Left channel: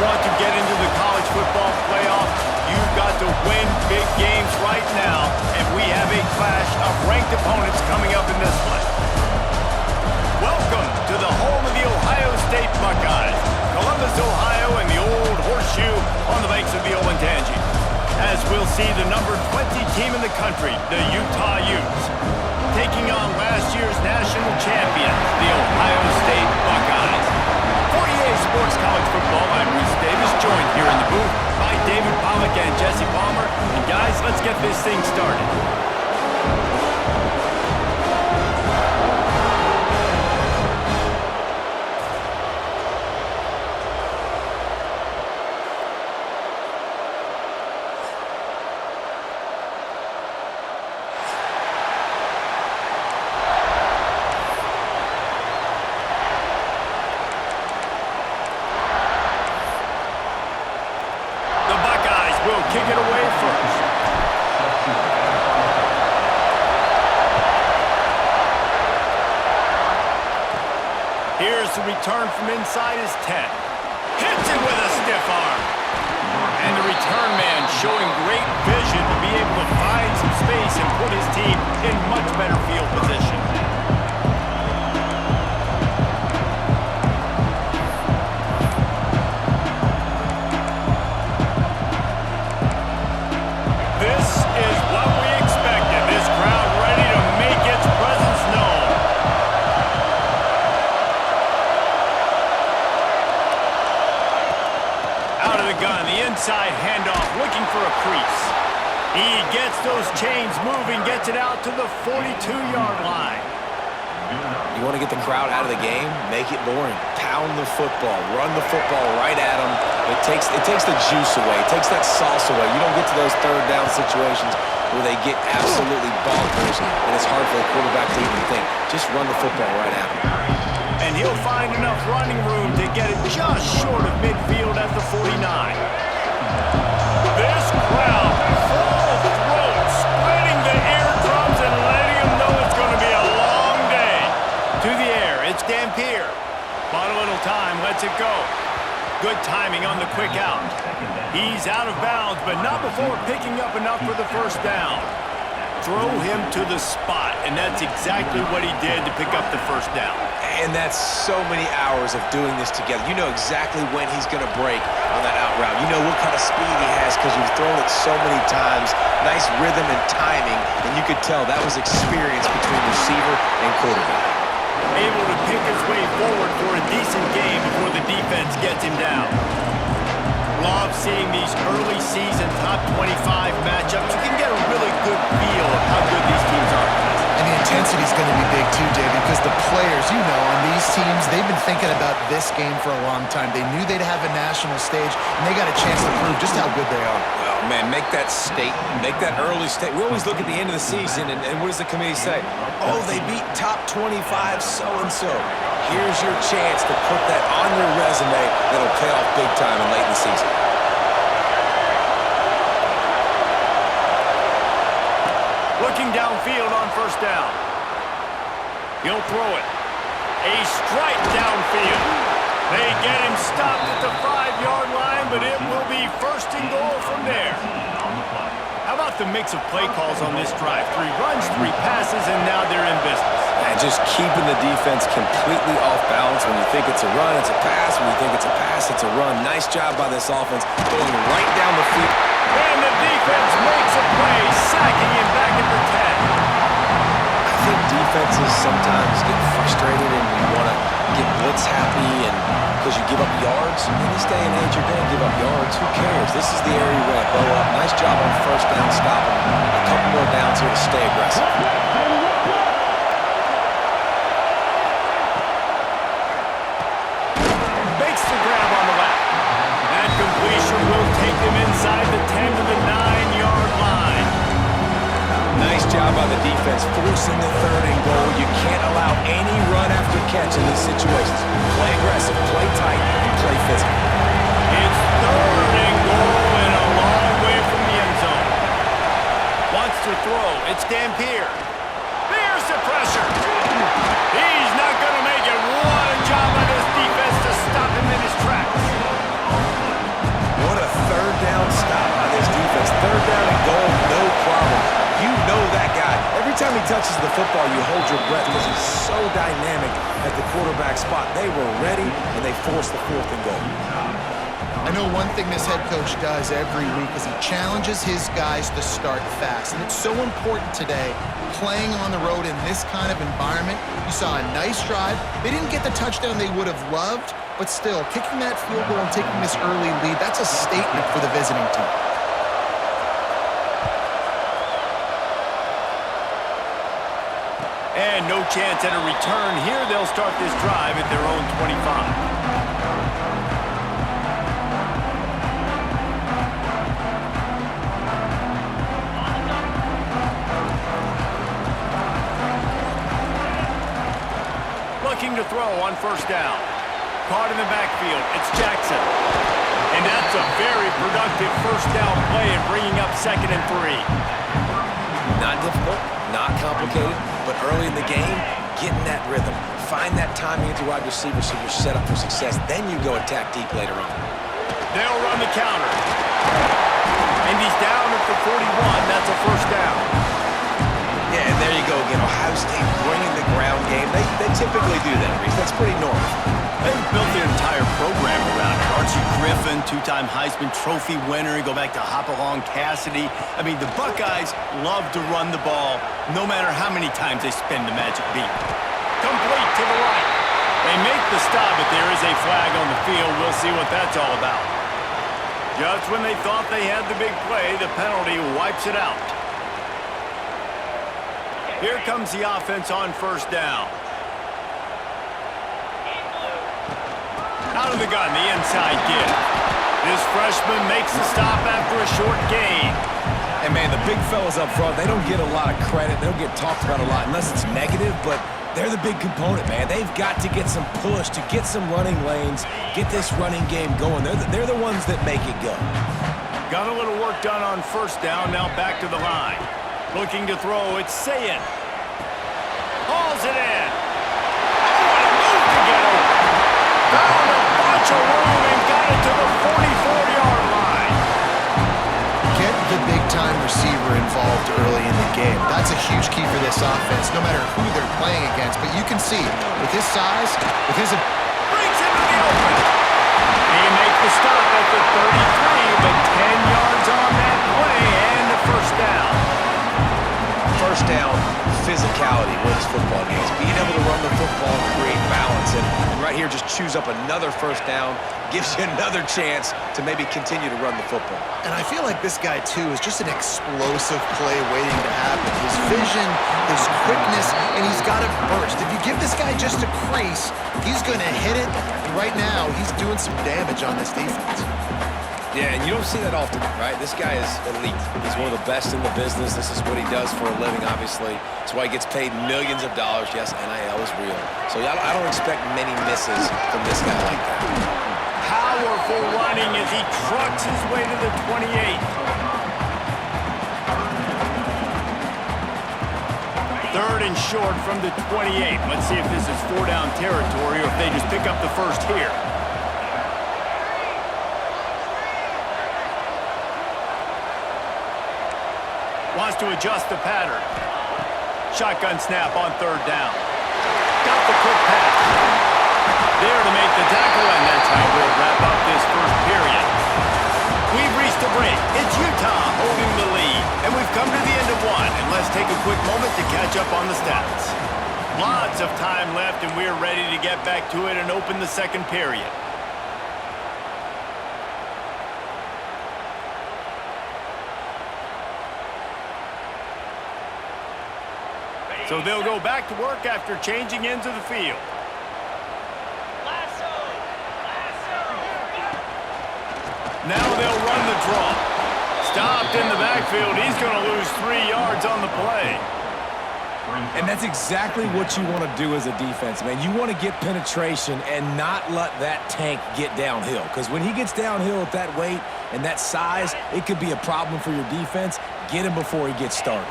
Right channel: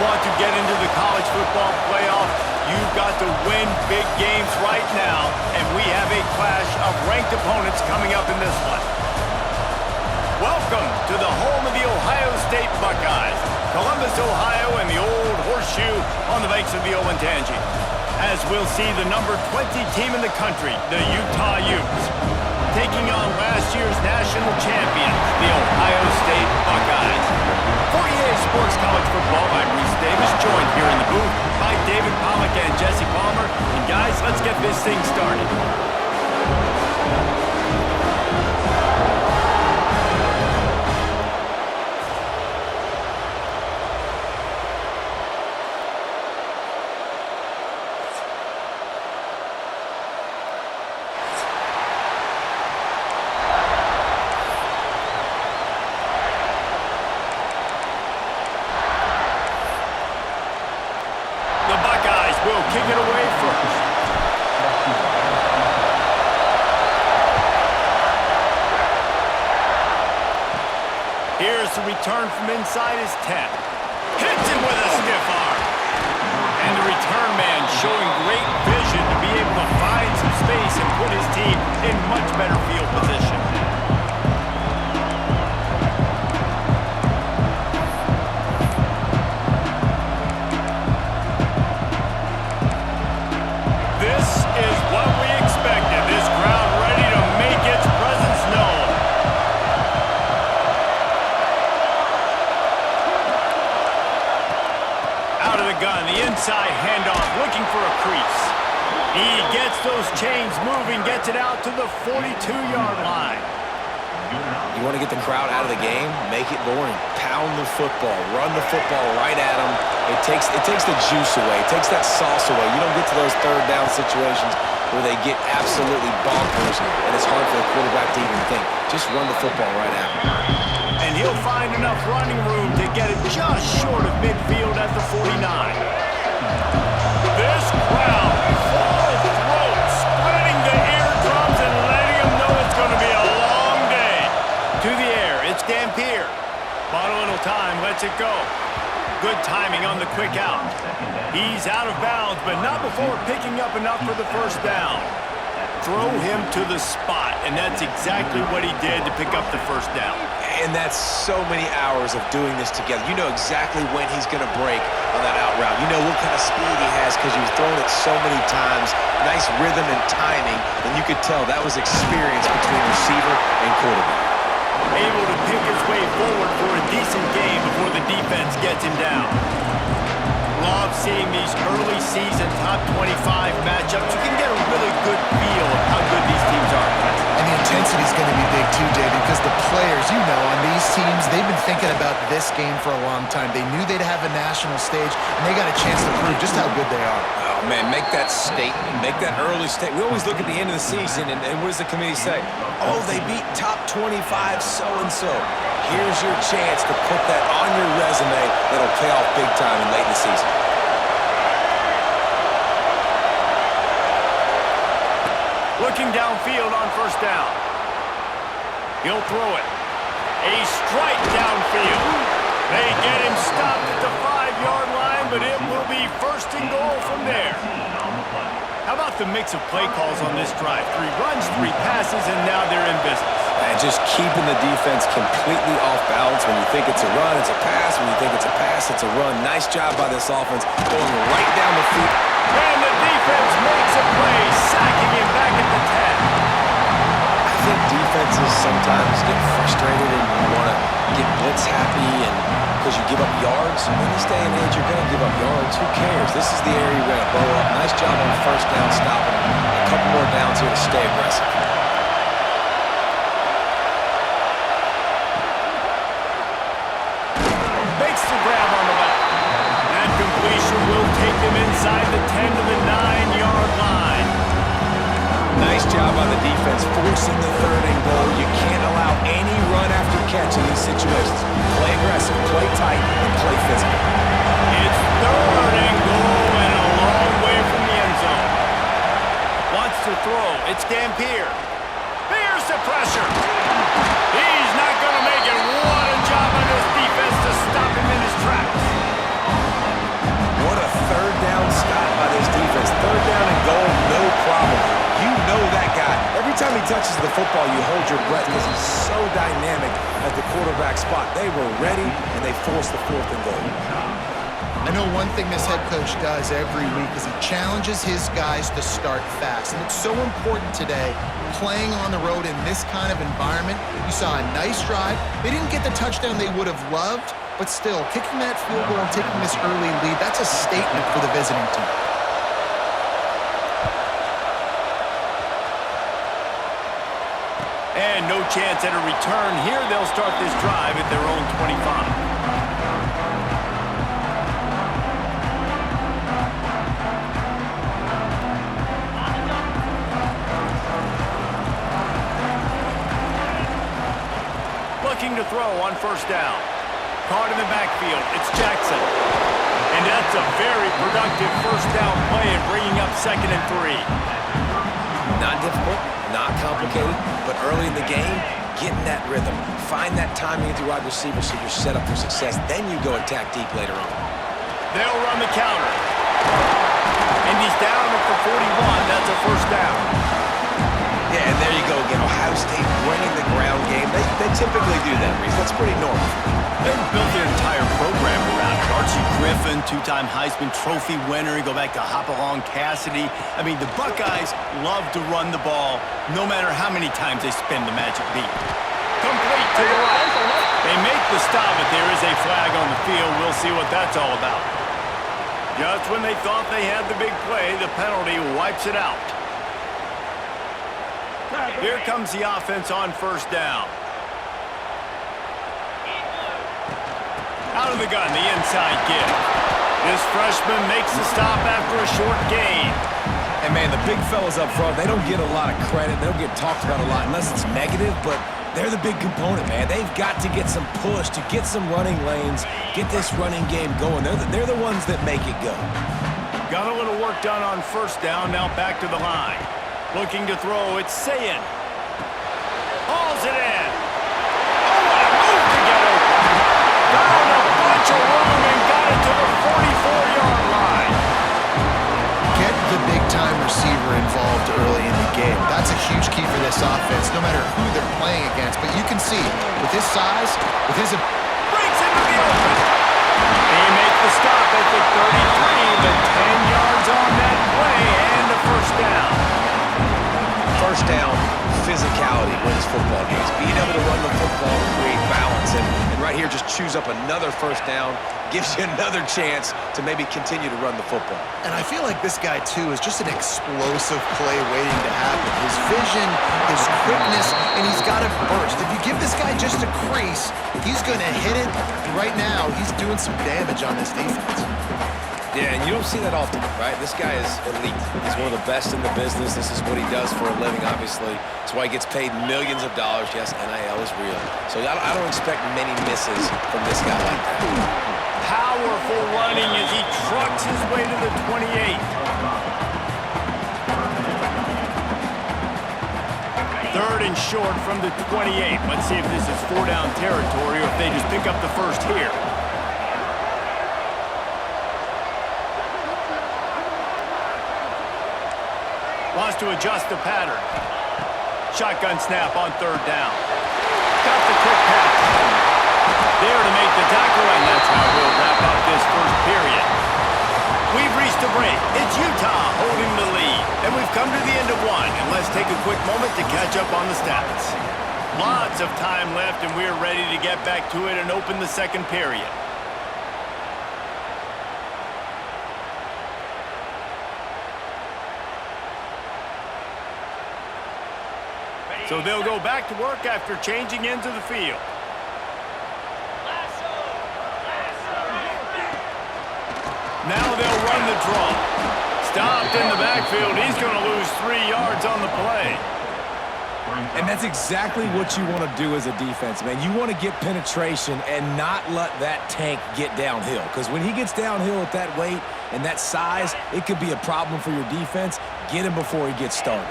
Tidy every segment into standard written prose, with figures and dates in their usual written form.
want to get into the college football playoff, you've got to win big games right now, and we have a clash of ranked opponents coming up in this one. Welcome to the home of the Ohio State Buckeyes, Columbus, Ohio, and the old horseshoe on the banks of the Olentangy. As we'll see the number 20 team in the country, the Utah Utes, taking on last year's national champions, the Ohio State Buckeyes. For EA Sports College Football, I'm Reese Davis, joined here in the booth by David Pollack and Jesse Palmer. And guys, let's get this thing started. The Buckeyes will kick it away first. Here's the return from inside his 10. Hits it with a stiff arm. And the return man showing great vision to be able to find some space and put his team in much better field position. Gun, the inside handoff, looking for a crease. He gets those chains moving, gets it out to the 42-yard line. You want to get the crowd out of the game? Make it boring. Pound the football. Run the football right at them. It takes the juice away. It takes that sauce away. You don't get to those third down situations where they get absolutely bonkers, and it's hard for the quarterback to even think. Just run the football right at them. And he'll find enough running room to get it just short of midfield at the 49. This crowd, full throat, splitting the eardrums and letting them know it's going to be a long day. To the air, it's Dampier. Bought a little time, lets it go. Good timing on the quick out. He's out of bounds, but not before picking up enough for the first down. Throw him to the spot, and that's exactly what he did to pick up the first down. And that's so many hours of doing this together. You know exactly when he's going to break on that out route. You know what kind of speed he has because you've thrown it so many times. Nice rhythm and timing, and you could tell that was experience between receiver and quarterback. Able to pick his way forward for a decent game before the defense gets him down. Love seeing these early season top 25 matchups. You can get a really good feel of how good these teams are, guys. And the intensity is going to be big too, David, because the players, you know, on these teams, they've been thinking about this game for a long time. They knew they'd have a national stage, and they got a chance to prove just how good they are. Oh, man, make that statement. Make that early statement. We always look at the end of the season, and what does the committee say? Oh, they beat top 25 so-and-so. Here's your chance to put that on your resume that'll pay off big time and late in the season. Looking downfield on first down. He'll throw it. A strike downfield. They get him stopped at the 5-yard line, but it will be first and goal from there. How about the mix of play calls on this drive? 3 runs, 3 passes, and now they're in business. And just keeping the defense completely off balance. When you think it's a run, it's a pass. When you think it's a pass, it's a run. Nice job by this offense going right down the field. And the defense makes a play, sacking him back at the 10. I think defenses sometimes get frustrated and you want to get blitz happy and because you give up yards. In this day and age, you're going to give up yards. Who cares? This is the area you're going to bow up. Nice job on first down, stopping a couple more downs here to stay aggressive. Makes the grab on the left. That completion will take them inside the 10 to the 9-yard line. Nice job by the defense, forcing the 3rd and goal. You can't allow any run after catch in these situations. Play aggressive, play tight, and play physical. It's 3rd and goal and a long way from the end zone. Wants to throw. It's Dampier. Here's the pressure. He's not going to make it. What a job by this defense to stop him in his tracks. down stop by this defense. Third down and goal, no problem. You know that guy. Every time he touches the football, you hold your breath because he's so dynamic at the quarterback spot. They were ready, and they forced the 4th and goal. I know one thing this head coach does every week is he challenges his guys to start fast. And it's so important today, playing on the road in this kind of environment. You saw a nice drive. They didn't get the touchdown they would have loved, but still, kicking that field goal and taking this early lead, that's a statement for the visiting team. And no chance at a return here. They'll start this drive at their own 25. Looking to throw on first down. Caught in the backfield. It's Jackson. And that's a very productive first down play and bringing up 2nd and 3. Not difficult, not complicated, but early in the game, get in that rhythm. Find that timing at the wide receiver so you're set up for success. Then you go attack deep later on. They'll run the counter. And he's down at the 41. That's a first down. Yeah, and there you go again. Ohio State bringing the ground game. They typically do that, Reese. That's pretty normal. They've built their entire program around it. Archie Griffin, 2-time Heisman Trophy winner. You go back to Hopalong Cassidy. I mean, the Buckeyes love to run the ball no matter how many times they spin the magic beat. Complete to the right. They make the stop, but there is a flag on the field. We'll see what that's all about. Just when they thought they had the big play, the penalty wipes it out. Here comes the offense on first down. Out of the gun, the inside give. This freshman makes the stop after a short gain. And, man, the big fellas up front, they don't get a lot of credit. They don't get talked about a lot unless it's negative, but they're the big component, man. They've got to get some push, to get some running lanes, get this running game going. They're the ones that make it go. Got a little work done on first down, now back to the line. Looking to throw, it's Sayin. Hauls it in. Oh, what a move to get open. Found a bunch of room and got it to the 44-yard line. Get the big-time receiver involved early in the game. That's a huge key for this offense, no matter who they're playing against. But you can see, with his size, with his... Breaks into the open. They make the stop at the 33, but 10 yards on that play and a first down. First down, physicality wins football games. Being able to run the football, create balance, and right here just choose up another first down, gives you another chance to maybe continue to run the football. And I feel like this guy, too, is just an explosive play waiting to happen. His vision, his quickness, and he's got a burst. If you give this guy just a crease, he's going to hit it. And right now, he's doing some damage on this defense. Yeah, and you don't see that often, right? This guy is elite. He's one of the best in the business. This is what he does for a living, obviously. That's why he gets paid millions of dollars. Yes, NIL is real. So I don't expect many misses from this guy like that. Powerful running as he trucks his way to the 28. Third and short from the 28. Let's see if this is 4-down territory or if they just pick up the first here. Wants to adjust the pattern. Shotgun snap on third down. Got the quick pass. There to make the tackle, and that's how we'll wrap up this first period. We've reached a break. It's Utah holding the lead, and we've come to the end of one. And let's take a quick moment to catch up on the stats. Lots of time left, and we're ready to get back to it and open the second period. So they'll go back to work after changing into the field. Now they'll run the draw. Stopped in the backfield. He's going to lose 3 yards on the play. And that's exactly what you want to do as a defense, man. You want to get penetration and not let that tank get downhill. Because when he gets downhill at that weight and that size, it could be a problem for your defense. Get him before he gets started.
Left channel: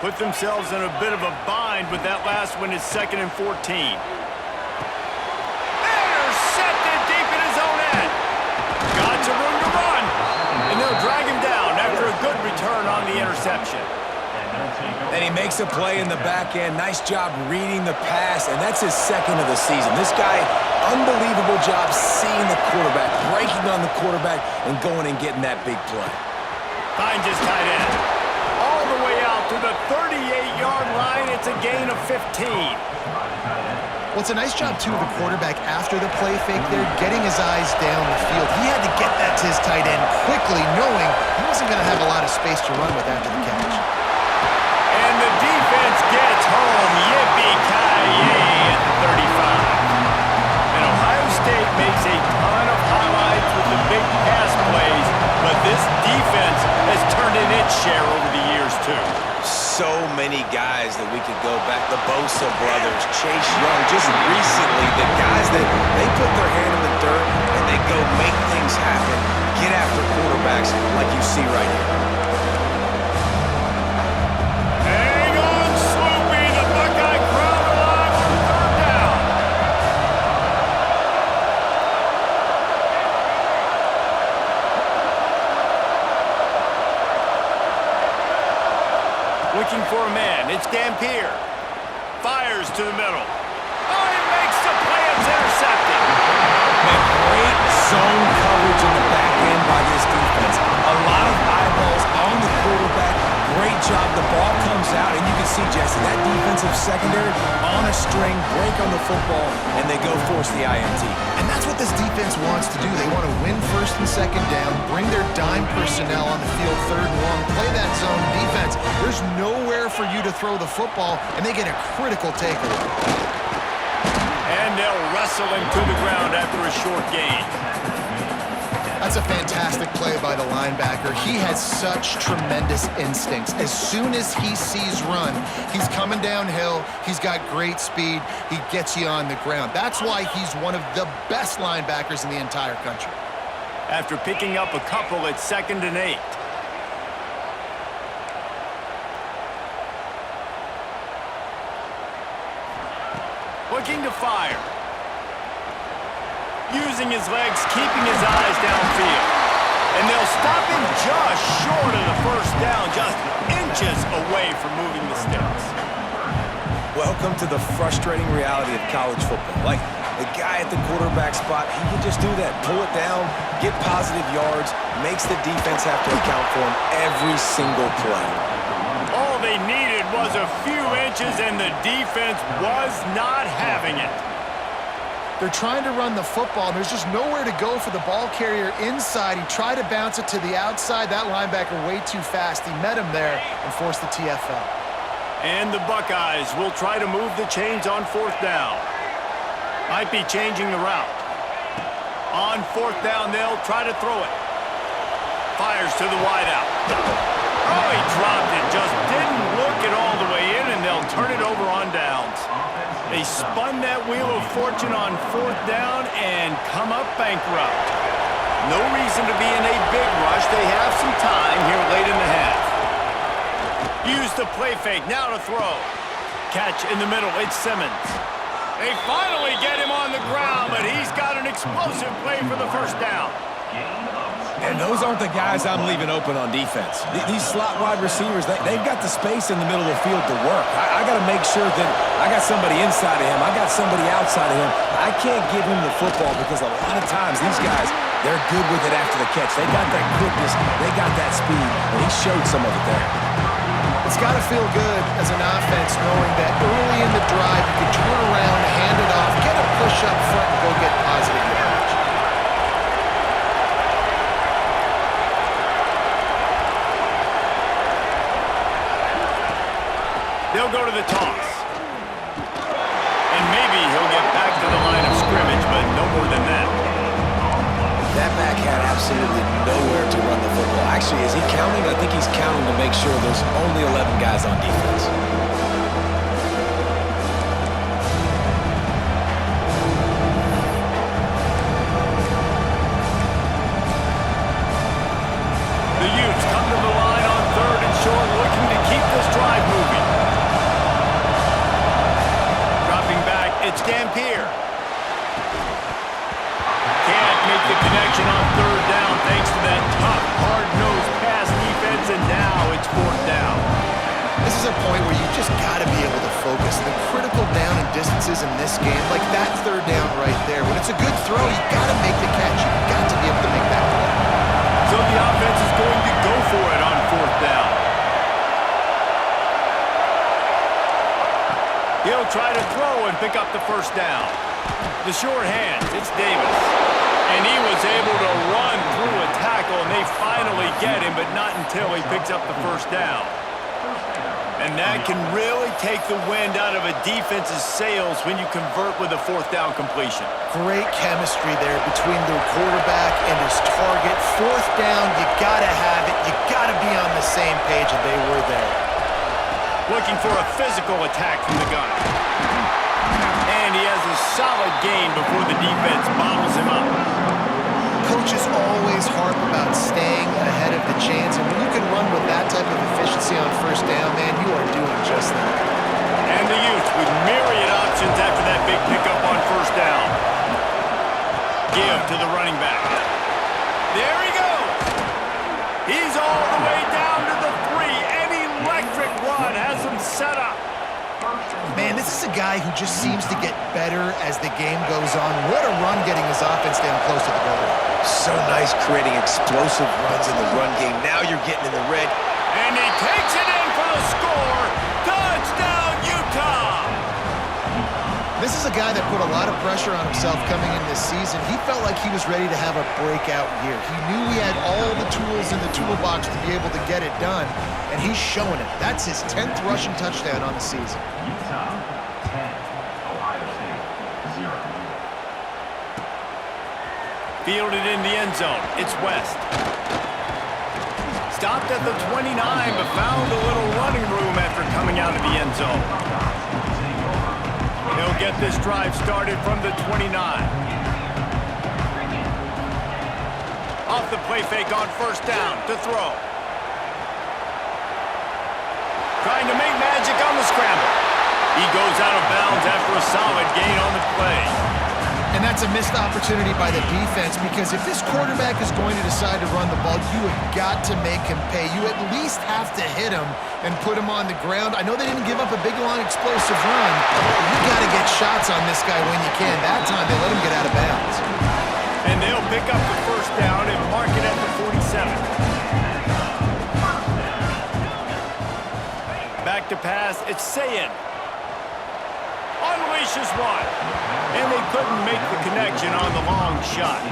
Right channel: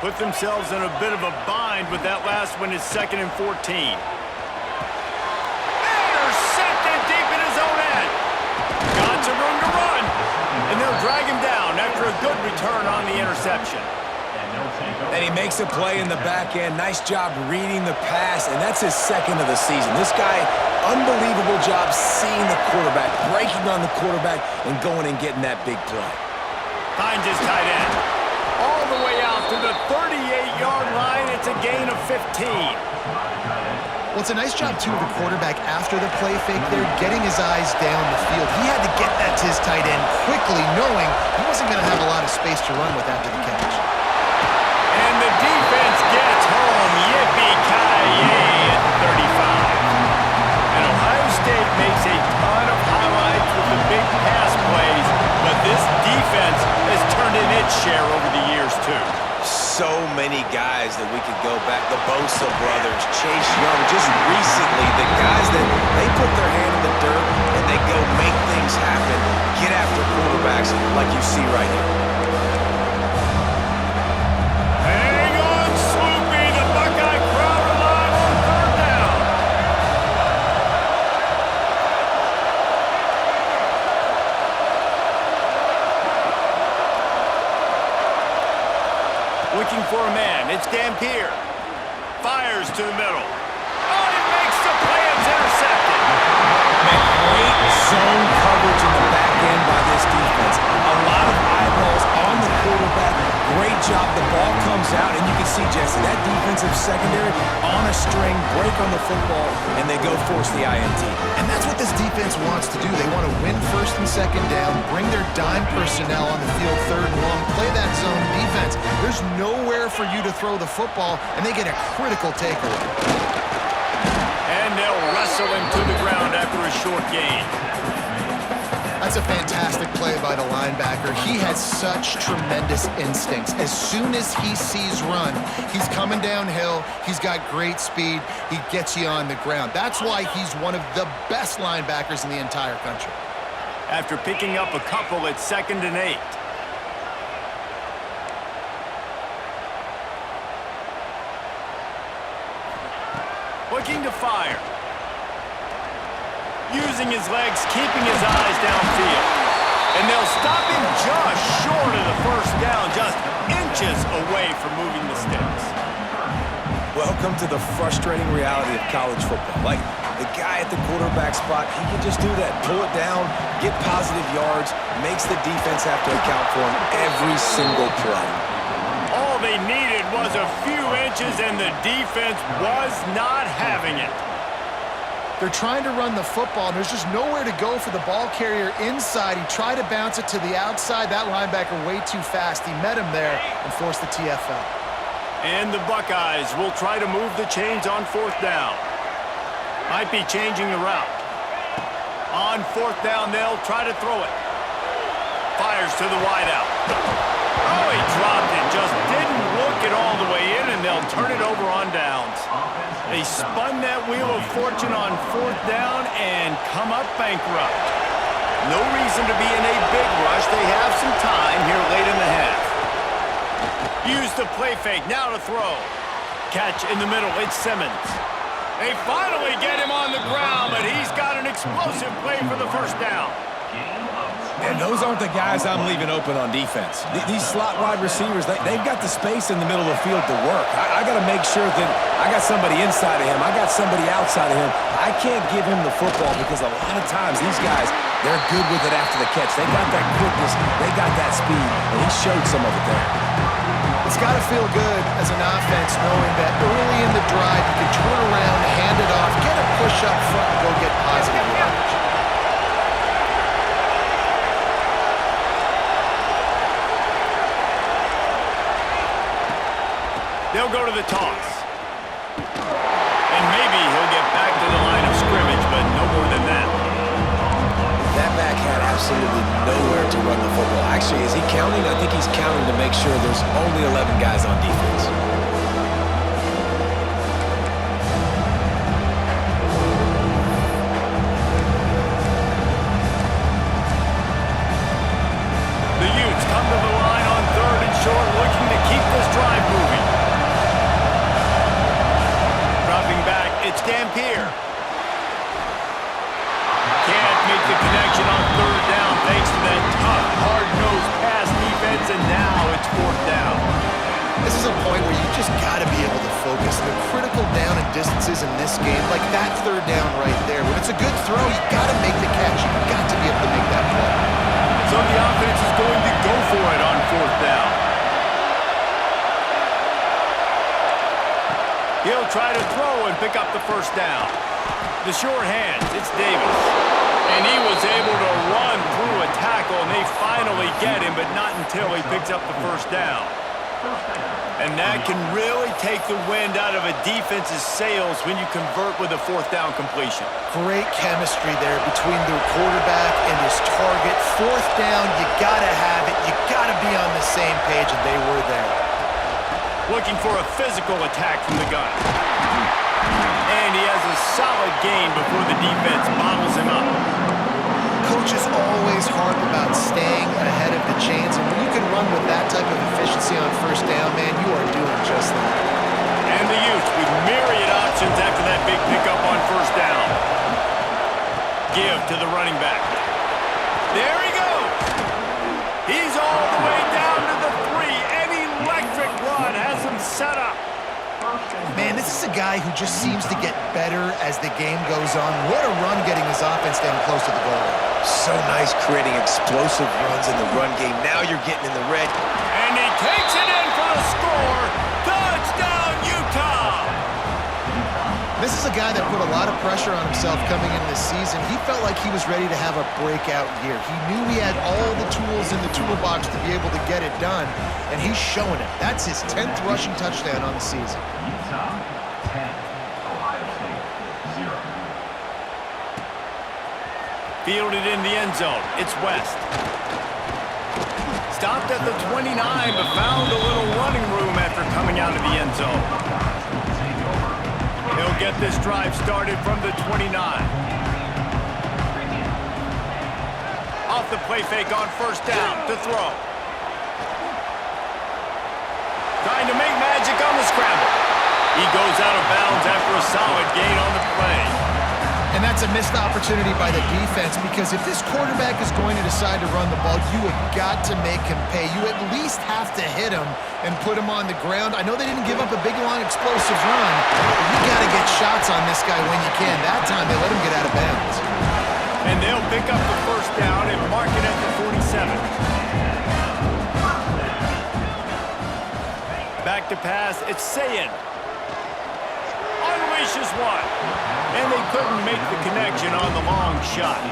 Put themselves in a bit of a bind with that last one is 2nd and 14. Intercepted deep in his own end. Got some room to run. return on the interception. And he makes a play in the back end. Nice job reading the pass, and that's his second of the season. This guy, unbelievable job seeing the quarterback, breaking on the quarterback, and going and getting that big play. Finds his tight end. All the way out to the 38-yard line. It's a gain of 15. Well, it's a nice job, too, of the quarterback after the play fake there, getting his eyes down the field. He had to get that to his tight end quickly, knowing he wasn't going to have a lot of space to run with after the catch. And the defense gets home. Yippee-ki-yay at the 35. And Ohio State makes a ton of highlights with the big pass plays, but this defense has turned in its share over the years, too. So many guys that we could go back. The Bosa brothers, Chase Young, just recently, the guys that they put their hand in the dirt and they go make things happen, get after quarterbacks like you see right here. Hang on, Sloopy. The Buckeye crowd alive on third down. Looking for a man. It's Dampier. Fires to the middle. Oh, he makes the play. It's intercepted. Man, great zone coverage in the back end by this defense. A lot of eyeballs on the quarterback. Great job. The ball comes out, and you can see, Jesse, that defensive secondary on a string, break on the football, and they go force the INT. And that's what this defense wants to do. They want to win first and second down, bring their dime personnel on the field third and long, play that zone defense. There's nowhere for you to throw the football, and they get a critical takeaway. And they'll wrestle him to the ground after a short gain. That's a fantastic play by the linebacker. He has such tremendous instincts. As soon as he sees run, he's coming downhill. He's got great speed. He gets you on the ground. That's why he's one of the best linebackers in the entire country. After picking up a couple at 2nd and 8. Looking to fire. Using his legs, keeping his eyes downfield. And they'll stop him just short of the first down, just inches away from moving the sticks. Welcome to the frustrating reality of college football. Like, the guy at the quarterback spot, he can just do that. Pull it down, get positive yards, makes the defense have to account for him every single play. All they needed was a few inches, and the defense was not having it. They're trying to run the football, and there's just nowhere to go for the ball carrier inside. He tried to bounce it to the outside. That linebacker way too fast. He met him there and forced the TFL. And the Buckeyes will try to move the chains on 4th down. Might be changing the route. On 4th down, they'll try to throw it. Fires to the wideout. Oh, he dropped it. Just didn't look it all the way in, and they'll turn it over on downs. They spun that wheel of fortune on 4th down and come up bankrupt. No reason to be in a big rush. They have some time here late in the half. Use the play fake. Now to throw. Catch in the middle. It's Simmons. They finally get him on the ground, but he's got an explosive play for the first down. And those aren't the guys I'm leaving open on defense. These slot wide receivers, they've got the space in the middle of the field to work. I got to make sure that I got somebody inside of him. I got somebody outside of him. I can't give him the football because a lot of times these guys, they're good with it after the catch. They got that quickness. They got that speed, and he showed some of it there. It's got to feel good as an offense knowing that early in the drive you can turn around, hand it off, get a push up front, and go get positive yardage. They'll go to the toss. And maybe he'll get back to the line of scrimmage, but no more than that. That back had absolutely nowhere to run the football. Actually, is he counting? I think he's counting to make sure there's only 11 guys on defense. The Utes come to the line on 3rd and short, looking to keep this drive moving. Dropping back, it's Dampier. Can't make the connection on 3rd down thanks to that tough, hard-nosed pass defense, and now it's 4th down. This is a point where you just got to be able to focus. The critical down and distances in this game, like that 3rd down right there. When it's a good throw, you got to make the catch. You got to be able to make that play. So the offense is going to go for it on 4th down. He'll try to throw and pick up the 1st down. The short hands, it's Davis. And he was able to run through a tackle, and they finally get him, but not until he picks up the 1st down. And that can really take the wind out of a defense's sails when you convert with a 4th down completion. Great chemistry there between the quarterback and his target. 4th down, you got to have it. You got to be on the same page, and they were there. Looking for a physical attack from the gun. And he has a solid gain before the defense bottles him up. Coaches always harp about staying ahead of the chains, and when you can run with that type of efficiency on 1st down, man, you are doing just that. And the Utes with myriad options after that big pickup on 1st down. Give to the running back. There he goes. He's all the way down to the 3. An electric run has him set up. Man, this is a guy who just seems to get better as the game goes on. What a run getting his offense down close to the goal line. So nice creating explosive runs in the run game. Now you're getting in the red. And he takes it in for the score. Touchdown, Utah! This is a guy that put a lot of pressure on himself coming in this season. He felt like he was ready to have a breakout year. He knew he had all the tools in the toolbox to be able to get it done, and he's showing it. That's his 10th rushing touchdown on the season. Utah, 10. Ohio State, 0. Fielded in the end zone. It's West. Stopped at the 29, but found a little running room after coming out of the end zone. He'll get this drive started from the 29. Off the play fake on 1st down to throw. Trying to make magic on the scramble. He goes out of bounds after a solid gain on the play. And that's a missed opportunity by the defense, because if this quarterback is going to decide to run the ball, you have got to make him pay. You at least have to hit him and put him on the ground. I know they didn't give up a big, long, explosive run, but you got to get shots on this guy when you can. That time, they let him get out of bounds. And they'll pick up the 1st down and mark it at the 47. Back to pass, it's Sayin. Unleashes one. And they couldn't make the connection on the long shot.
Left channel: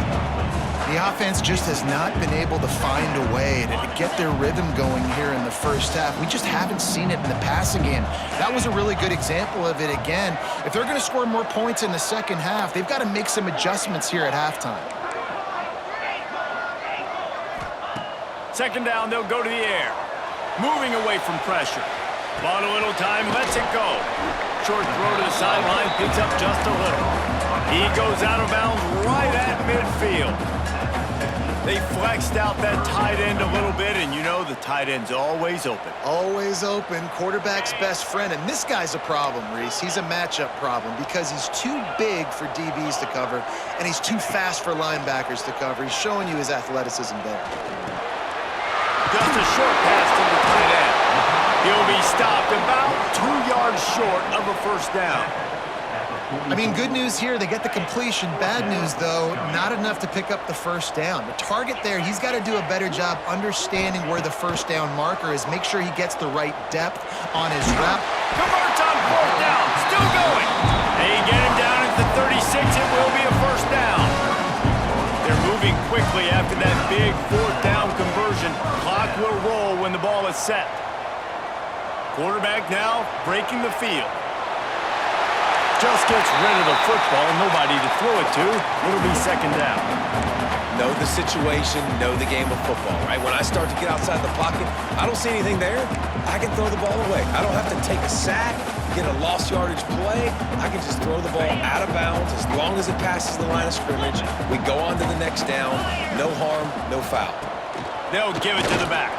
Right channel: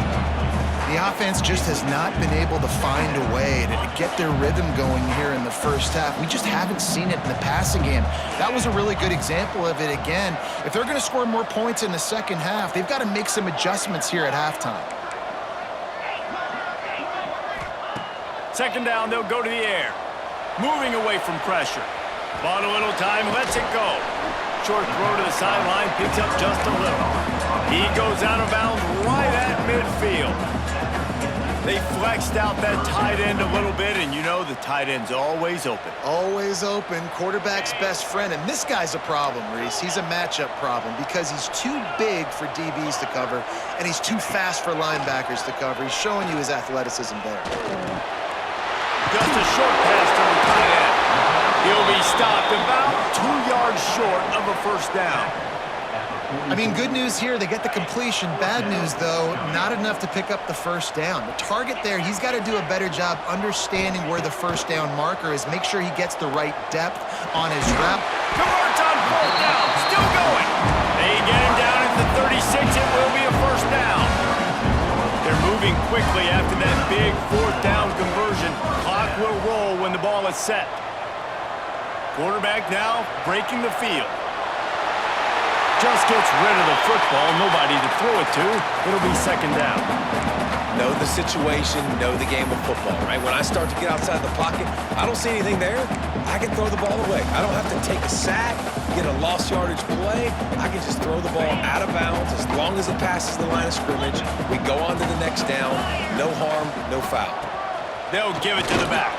The offense just has not been able to find a way to get their rhythm going here in the 1st half. We just haven't seen it in the passing game. That was a really good example of it again. If they're going to score more points in the 2nd half, they've got to make some adjustments here at halftime. 2nd down, they'll go to the air. Moving away from pressure. Bought a little time, lets it go. Short throw to the sideline, picks up just a little. He goes out of bounds right at midfield. They flexed out that tight end a little bit, and you know the tight end's always open. Always open, quarterback's best friend, and this guy's a problem, Reese. He's a matchup problem because he's too big for DBs to cover, and he's too fast for linebackers to cover. He's showing you his athleticism there. Just a short pass to the tight end. He'll be stopped about 2 yards short of a 1st down. I mean, good news here, they get the completion. Bad news, though, not enough to pick up the 1st down. The target there, he's got to do a better job understanding where the 1st down marker is. Make sure he gets the right depth on his route. Converts on 4th down, still going. They get him down at the 36, it will be a 1st down. They're moving quickly after that big 4th down conversion. Clock will roll when the ball is set. Quarterback now breaking the field. Just gets rid of the football, nobody to throw it to. It'll be 2nd down. Know the situation, know the game of football, right? When I start to get outside the pocket, I don't see anything there. I can throw the ball away. I don't have to take a sack, get a lost yardage play. I can just throw the ball out of bounds as long as it passes the line of scrimmage. We go on to the next down. No harm, no foul. They'll give it to the back.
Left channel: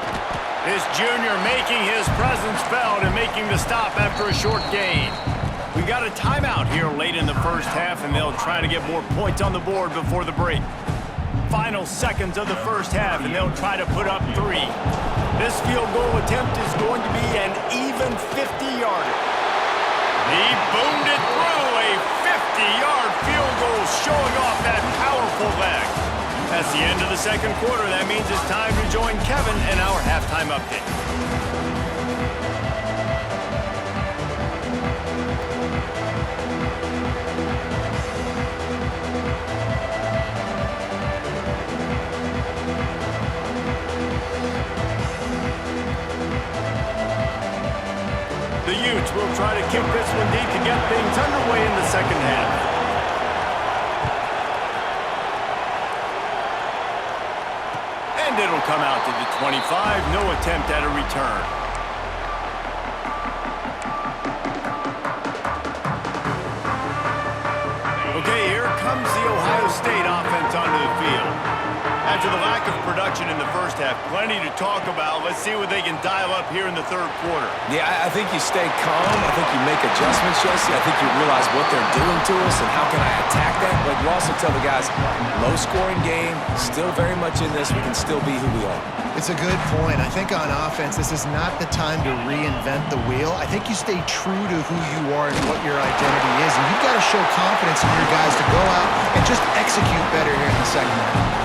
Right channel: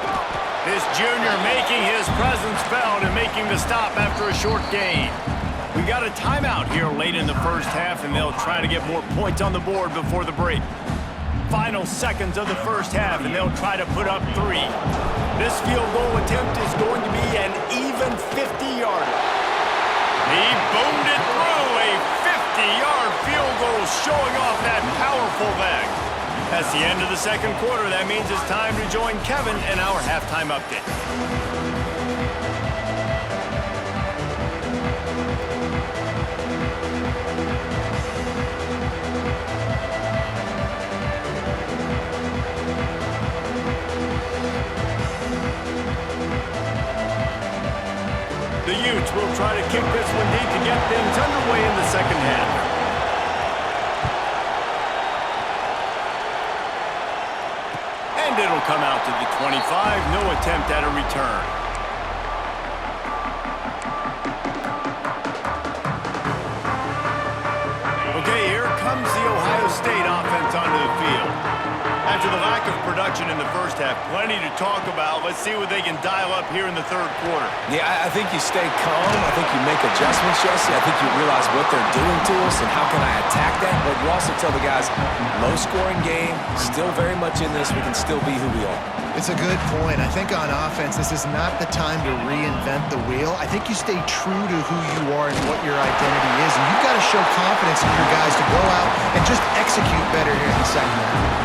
This junior making his presence felt and making the stop after a short gain. We got a timeout here late in the 1st half, and they'll try to get more points on the board before the break. final seconds of the first half, and they'll try to put up 3. This field goal attempt is going to be an even 50-yarder. He boomed it through, a 50-yard field goal showing off that powerful leg. That's the end of the second quarter. That means it's time to join Kevin in our halftime update. The Utes will try to kick this one deep to get things underway in the second half. And it'll come out to the 25. No attempt at a return. Okay, here comes the Ohio State offense onto the field. After the lack of production in the first half, plenty to talk about. Let's see what they can dial up here in the third quarter. Yeah, I think you stay calm. I think you make adjustments, Jesse. I think you realize what they're doing to us and how can I attack that. But you also tell the guys, low-scoring game, still very much in this. We can still be who we are. It's a good point. I think on offense, this is not the time to reinvent the wheel. I think you stay true to who you are and what your identity is. And you've got to show confidence in your guys to go out and just execute better here in the second half.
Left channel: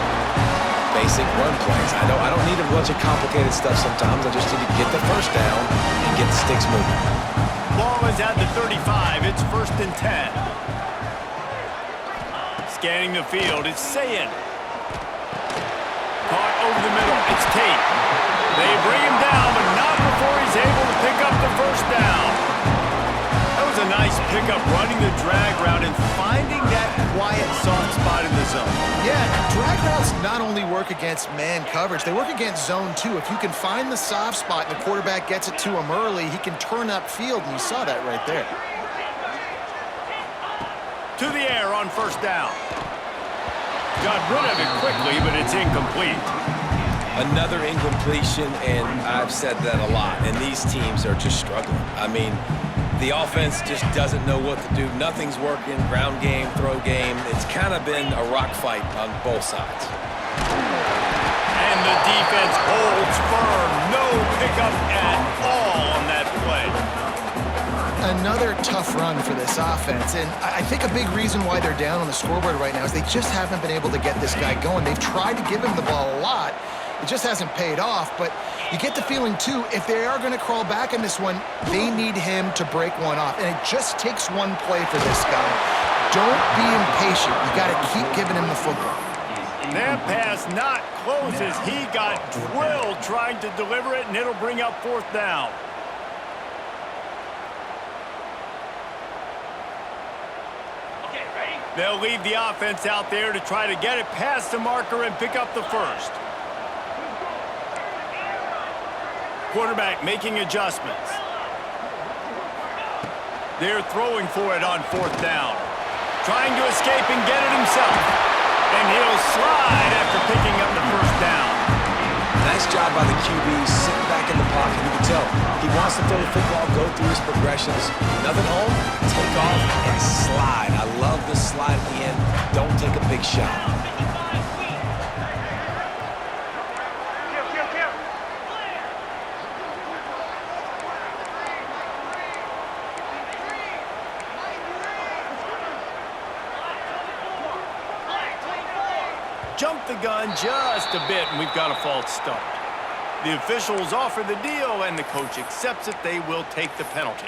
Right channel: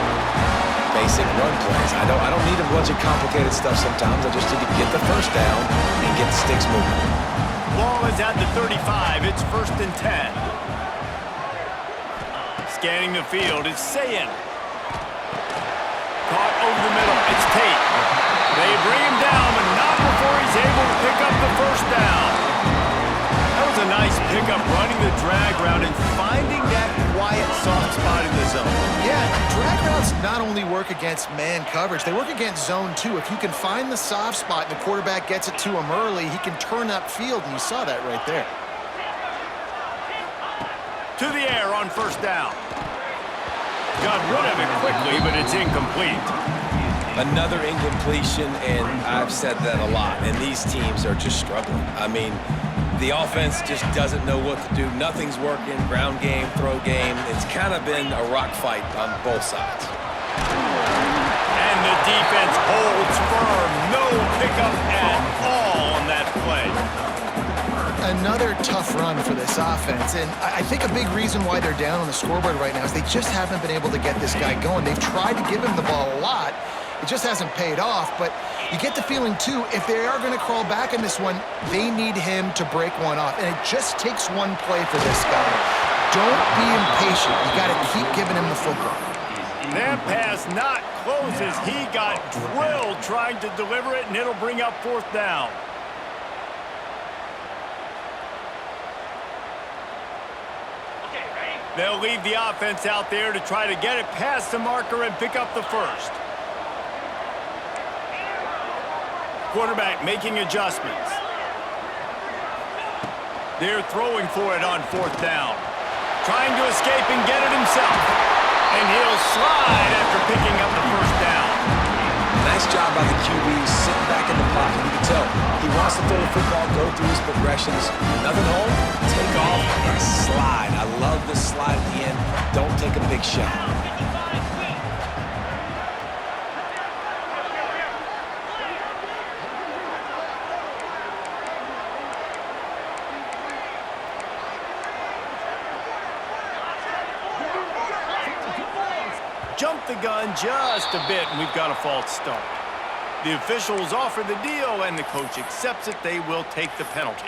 Basic run plays. I don't need a bunch of complicated stuff sometimes. I just need to get the first down and get the sticks moving. Ball is at the 35. It's 1st and 10. Scanning the field, it's Sayin. Caught over the middle. It's Tate. They bring him down, but not before he's able to pick up the first down. That was a nice pickup, running the drag route and finding that quiet, soft spot in the zone. Yeah, drag routes not only work against man coverage, they work against zone too. If you can find the soft spot and the quarterback gets it to him early, he can turn upfield, and you saw that right there. To the air on first down. Got rid of it quickly, but it's incomplete. Another incompletion, and I've said that a lot, and these teams are just struggling. I mean, the offense just doesn't know what to do. Nothing's working. Ground game, throw game. It's kind of been a rock fight on both sides. And the defense holds firm. No pickup at all on that play. Another tough run for this offense, and I think a big reason why they're down on the scoreboard right now is they just haven't been able to get this guy going. They've tried to give him the ball a lot. It just hasn't paid off, but you get the feeling, too, if they are going to crawl back in this one, they need him to break one off, and it just takes one play for this guy. Don't be impatient. You got to keep giving him the football. That pass not close as he got drilled trying to deliver it, and it'll bring up 4th down. They'll leave the offense out there to try to get it past the marker and pick up the first. Quarterback making adjustments. They're throwing for it on 4th down. Trying to escape and get it himself. And he'll slide after picking up the first down. Nice job by the QB, sitting back in the pocket. You can tell he wants to throw the football, go through his progressions. Nothing home, take off, and slide. I love the slide at the end. Don't take a big shot. Jumped the gun just a bit, and we've got a false start. The officials offer the deal, and the coach accepts it. They will take the penalty.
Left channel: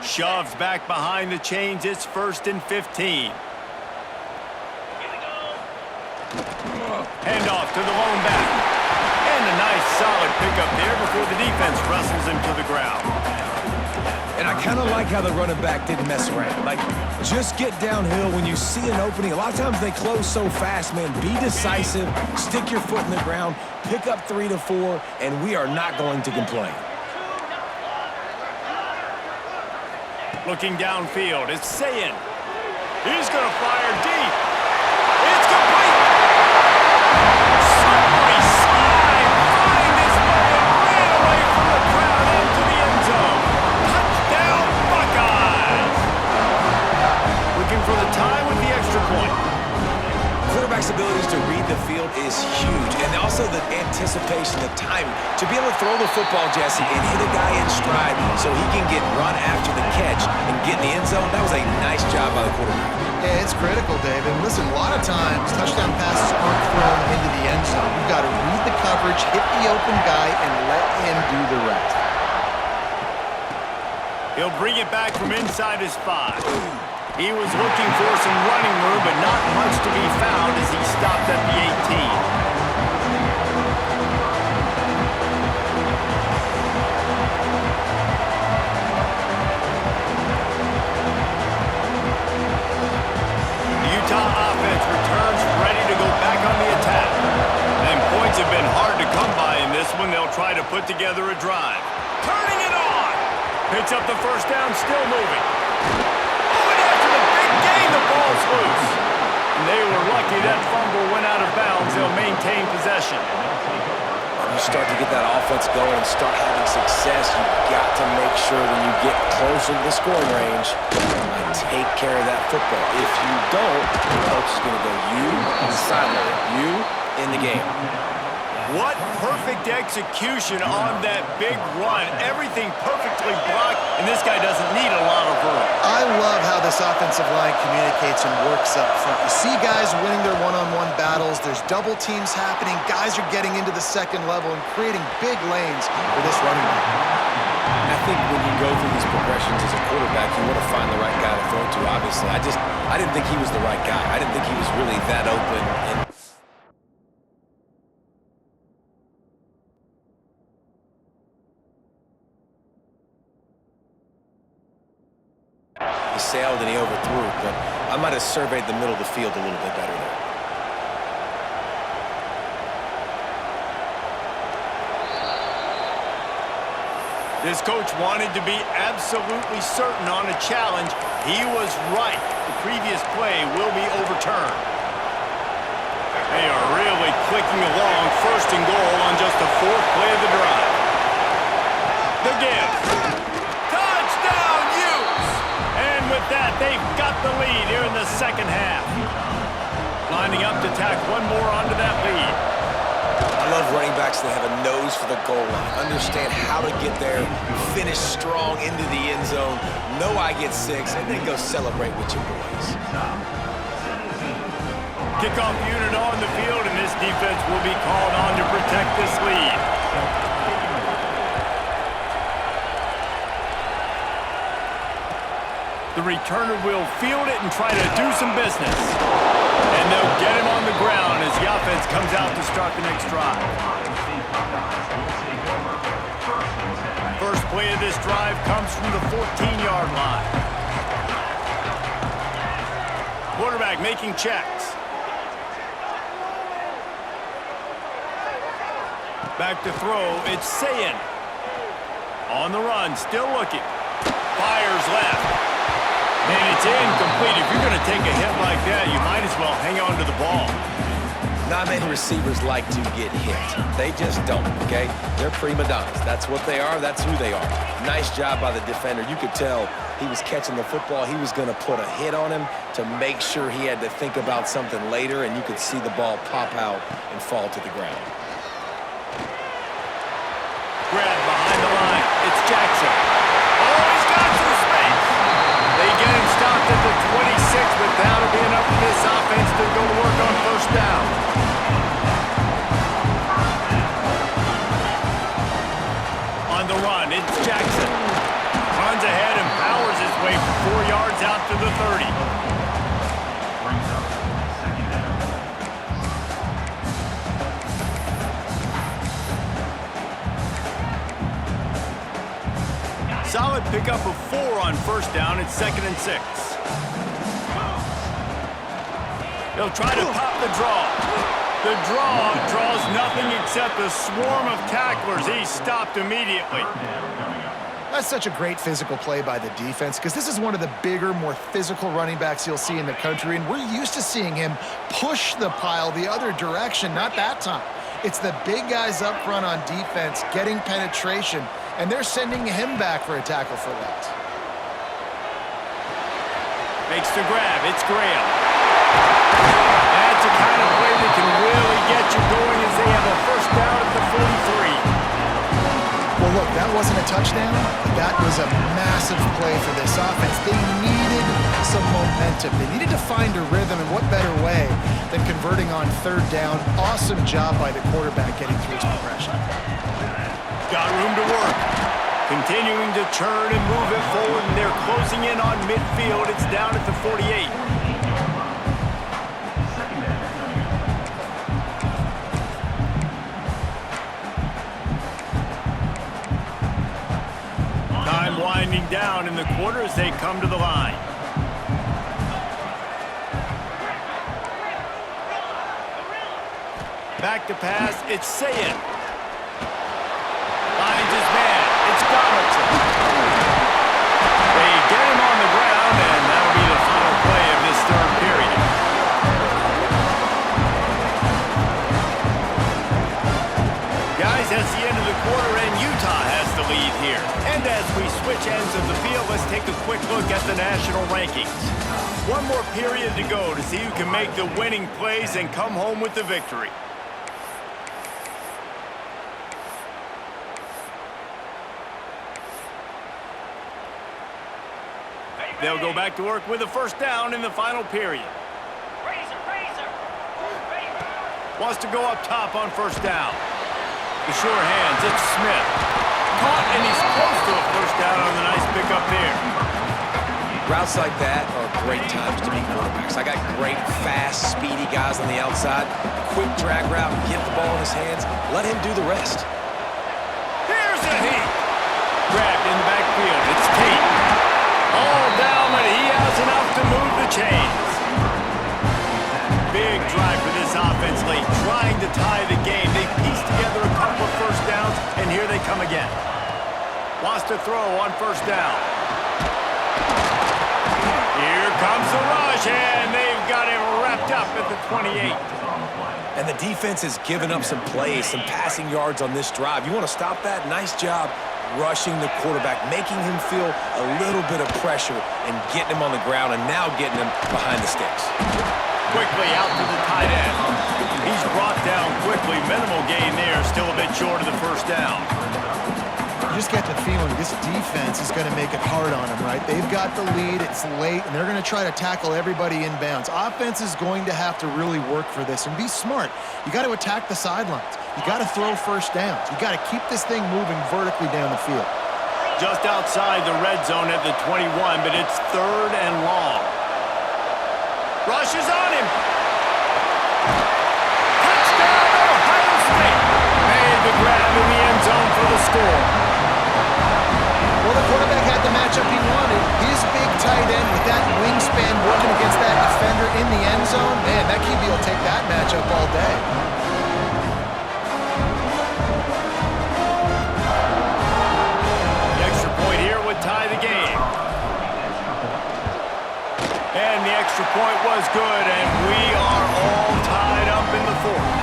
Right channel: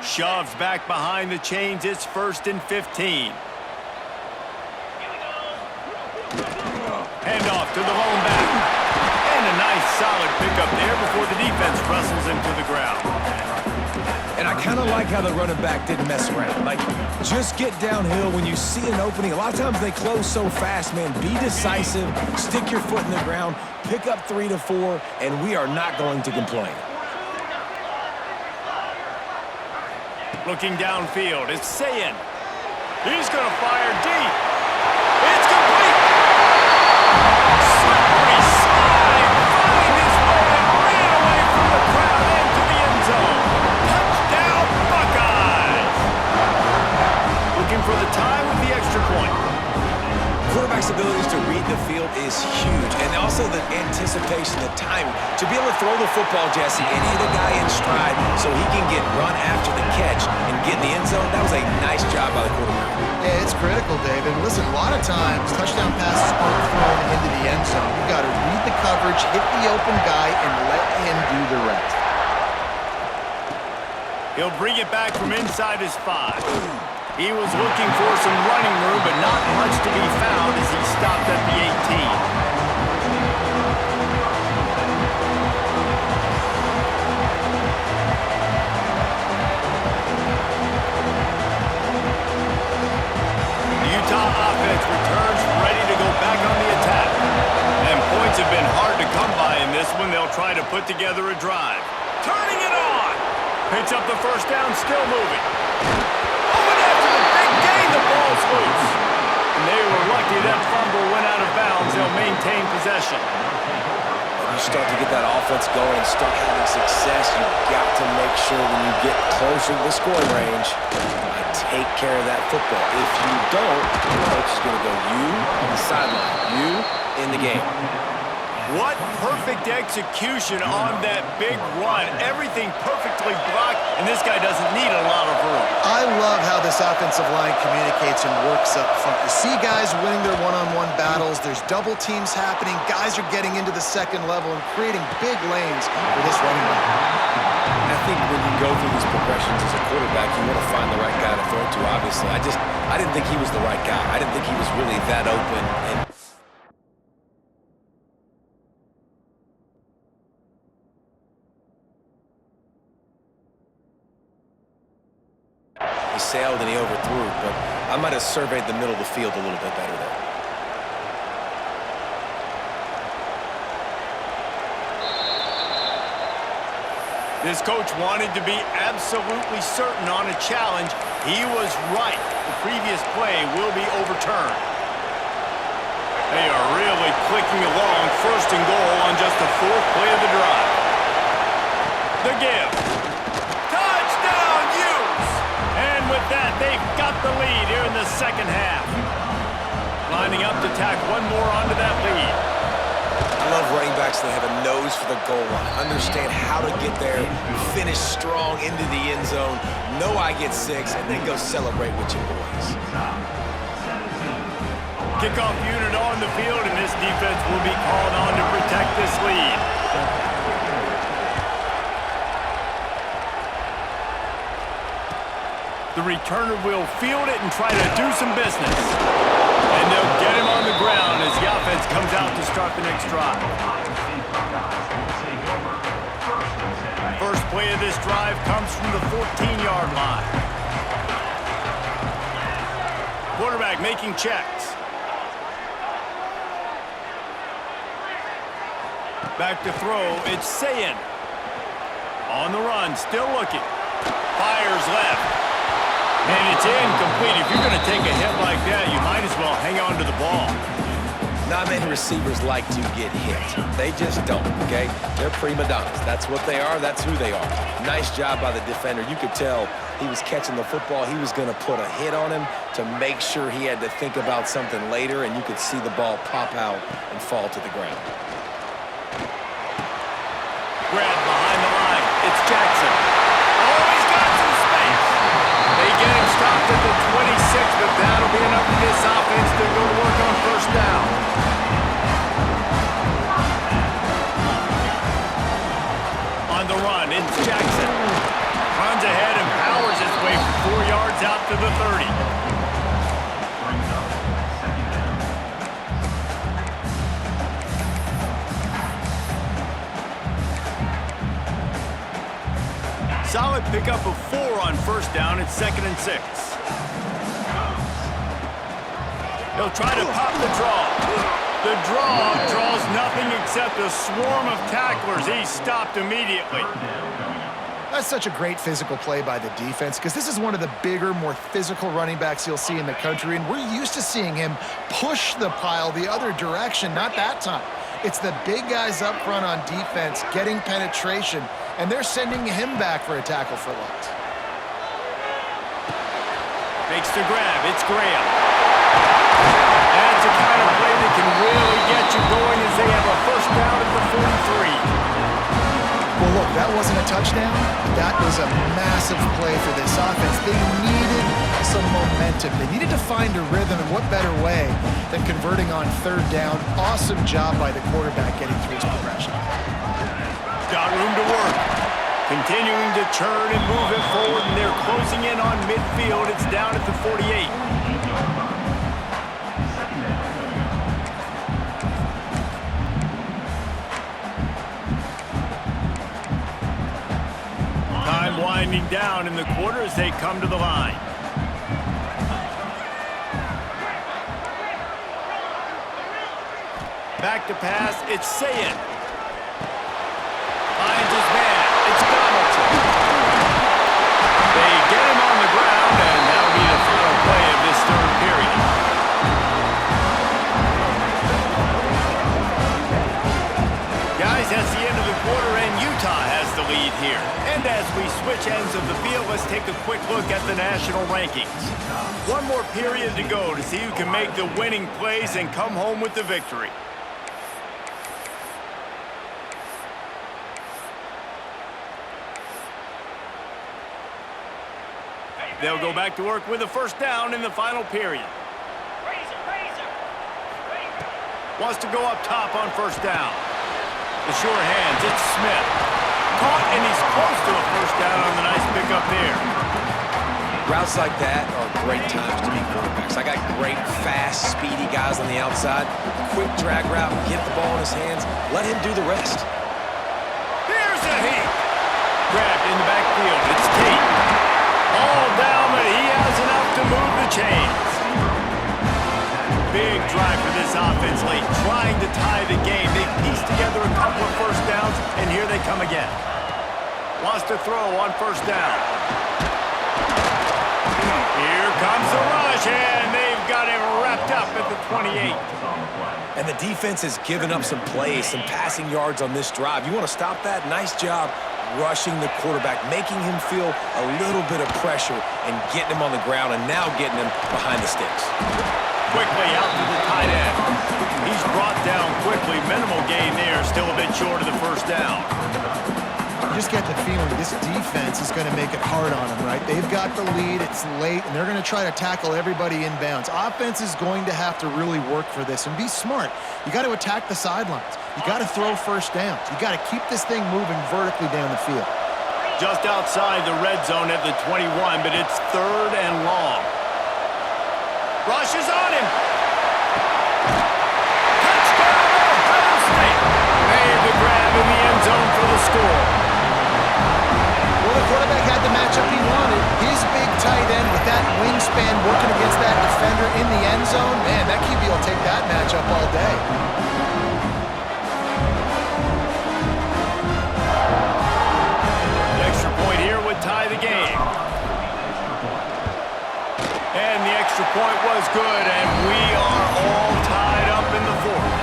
Shoves back behind the chains. It's 1st and 15. Handoff to the lone back. And a nice solid pickup there before the defense wrestles him to the ground. And I kind of like how the running back didn't mess around. Like, just get downhill when you see an opening. A lot of times they close so fast, man. Be decisive, stick your foot in the ground, pick up 3 to 4, and we are not going to complain. Looking downfield, it's Sayin. He's going to fire deep. It's complete. Slippery slide. Find his way and ran away from the crowd into the end zone. Touchdown, extra point. Quarterback's abilities to read the field is huge, and also the anticipation, the timing. To be able to throw the football, Jesse, and hit a guy in stride so he can get run after the catch and get in the end zone, that was a nice job by the quarterback. Yeah, it's critical, David. Listen, a lot of times, touchdown passes aren't thrown into the end zone. You've got to read the coverage, hit the open guy, and let him do the rest. He'll bring it back from inside his 5. He was looking for some running room, but not much to be found as he stopped at the 18. The Utah offense returns ready to go back on the attack. And points have been hard to come by in this one. They'll try to put together a drive. Turning it on! Picks up the first down, still moving. After the big gain, the ball's loose. And they were lucky that fumble went out of bounds. They'll maintain possession. When you start to get that offense going and start having success, you've got to make sure when you get closer to the scoring range, take care of that football. If you don't, the coach is going to go you on the sideline, you in the game. What perfect execution on that big run. Everything perfectly blocked, and this guy doesn't need a lot of room. I love how this offensive line communicates and works up front. You see guys winning their one-on-one battles. There's double teams happening. Guys are getting into the second level and creating big lanes for this running back. I think when you go through these progressions as a quarterback, you want to find the right guy to throw to, obviously. I didn't think he was the right guy. I didn't think he was really that open. And he sailed and he overthrew, but I might have surveyed the middle of the field a little bit better there. This coach wanted to be absolutely certain on a challenge. He was right. The previous play will be overturned. They are really clicking along, 1st and goal on just the 4th play of the drive. The give. Touchdown, Utes! And with that, they've got the lead here in the second half. Lining up to tack one more onto that lead. I love running backs that have a nose for the goal line. Understand how to get there, finish strong into the end zone, know I get 6, and then go celebrate with your boys. Kickoff unit on the field, and this defense will be called on to protect this lead. The returner will field it and try to do some business. And they'll get him on the ground as the offense comes out to start the next drive. First play of this drive comes from the 14-yard line. Quarterback making checks. Back to throw, it's Sayin. On the run, still looking. Fires left. And it's incomplete. If you're going to take a hit like that, you might as well hang on to the ball. Not many receivers like to get hit. They just don't, okay? They're prima donnas. That's what they are. That's who they are. Nice job by the defender. You could tell he was catching the football. He was going to put a hit on him to make sure he had to think about something later, and you could see the ball pop out and fall to the ground. Grab behind the line. It's Jackson. Oh, he's got some space. They get him stopped at the 26, but that'll be enough for this offense to go to work on 1st down. On the run, it's Jackson. Runs ahead and powers his way for 4 yards out to the 30. Brings up 2nd down. Solid pickup of 4 on 1st down. It's 2nd and 6. They'll try to pop the draw. The draw draws nothing except a swarm of tacklers. He's stopped immediately. That's such a great physical play by the defense because this is one of the bigger, more physical running backs you'll see in the country, and we're used to seeing him push the pile the other direction, not that time. It's the big guys up front on defense getting penetration, and they're sending him back for a tackle for loss. Makes the grab. It's Graham. That's the kind of play that can really get you going as they have a first down at the 43. Well, look, that wasn't a touchdown, but that was a massive play for this offense. They needed some momentum. They needed to find a rhythm, and what better way than converting on third down. Awesome job by the quarterback getting through his progression. Got room to work. Continuing to churn and move it forward, and they're closing in on midfield. It's down at the 48. Time winding down in the quarter as they come to the line. Back to pass, it's Sayin. Finds his man, it's Donaldson. They get him on the ground, and that'll be the final play of this third period. Guys, that's the end of the quarter, and Utah has the lead here. And as we switch ends of the field, let's take a quick look at the national rankings. One more period to go to see who can make the winning plays and come home with the victory. They'll go back to work with a first down in the final period. Wants to go up top on first down. The sure hands, it's Smith. Caught, and he's close to a first down on the nice pickup there. Routes like that are great times to be quarterbacks. I got great, fast, speedy guys on the outside. Quick drag route, get the ball in his hands, let him do the rest. Here's a heat. Grabbed in the backfield, it's Tate. All down, but he has enough to move the chains. Big drive for this offense late, trying to tie the game. They pieced together a couple of first downs, and here they come again. Wants to throw on first down. Here comes the rush, and they've got him wrapped up at the 28. And the defense has given up some plays, some passing yards on this drive. You want to stop that? Nice job rushing the quarterback, making him feel a little bit of pressure and getting him on the ground, and now getting him behind the sticks. Quickly out to the tight end. He's brought down quickly. Minimal gain there, still a bit short of the first down. You just get the feeling this defense is going to make it hard on them, right? They've got the lead, it's late, and they're going to try to tackle everybody inbounds. Offense is going to have to really work for this and be smart. You got to attack the sidelines. You got to throw first downs. You got to keep this thing moving vertically down the field. Just outside the red zone at the 21, but it's third and long. Rush is on him. Touchdown, Ohio State. Made the grab in the end zone for the score. Well, the quarterback had the matchup he wanted. His big tight end with that wingspan working against that defender in the end zone. Man, that QB will take that matchup all day. The extra point here would tie the game. And the extra point was good, and we are all tied up in the fourth.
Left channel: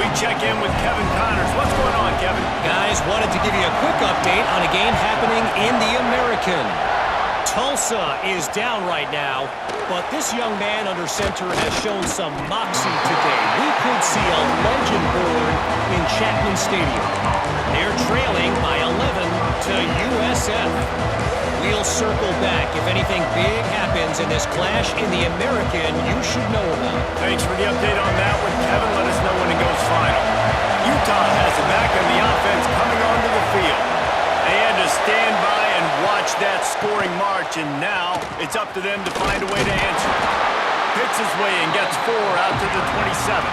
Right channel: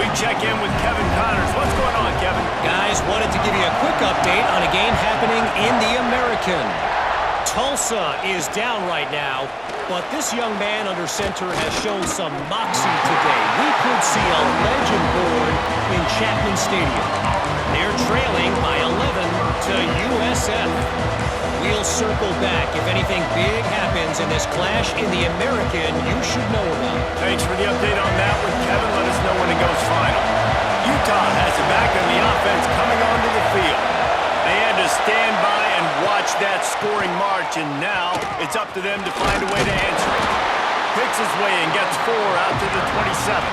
We check in with Kevin Connors. What's going on, Kevin? Guys, wanted to give you a quick update on a game happening in the American. Tulsa is down right now, but this young man under center has shown some moxie today. We could see a legend born in Chapman Stadium. They're trailing by 11 to USF. We'll circle back. If anything big happens in this clash in the American, you should know about. Thanks for the update on that one, Kevin. Let us know when it goes final. Utah has it back on the offense coming onto the field. They had to stand by and watch that scoring march, and now it's up to them to find a way to answer it. Picks his way and gets 4 out to the 27.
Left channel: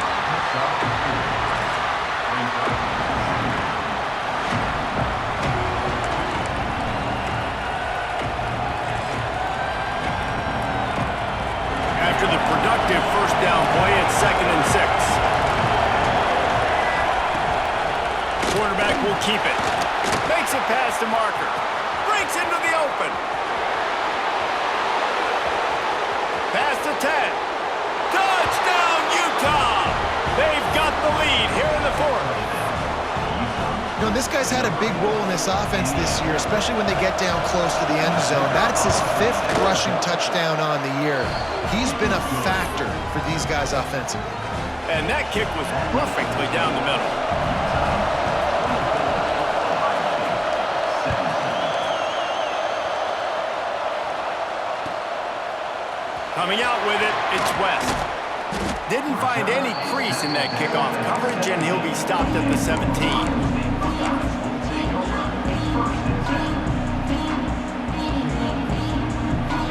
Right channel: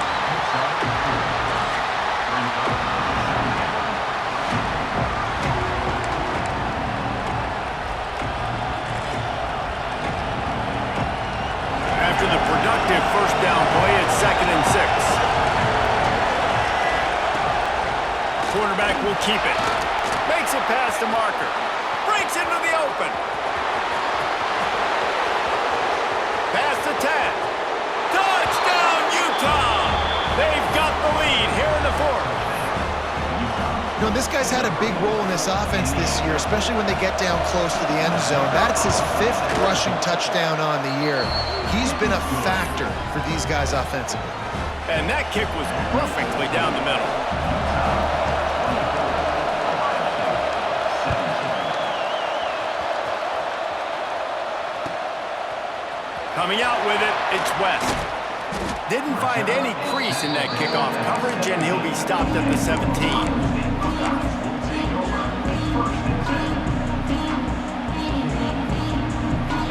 After the productive first down play, it's 2nd and 6. Quarterback will keep it. Makes it past the marker. Breaks into the open. Past the 10. Touchdown, Utah! They've got the lead here in the fourth. You know, this guy's had a big role in this offense this year, especially when they get down close to the end zone. That's his 5th rushing touchdown on the year. He's been a factor for these guys offensively. And that kick was perfectly down the middle. Coming out with it, it's West. Didn't find any crease in that kickoff coverage, and he'll be stopped at the 17.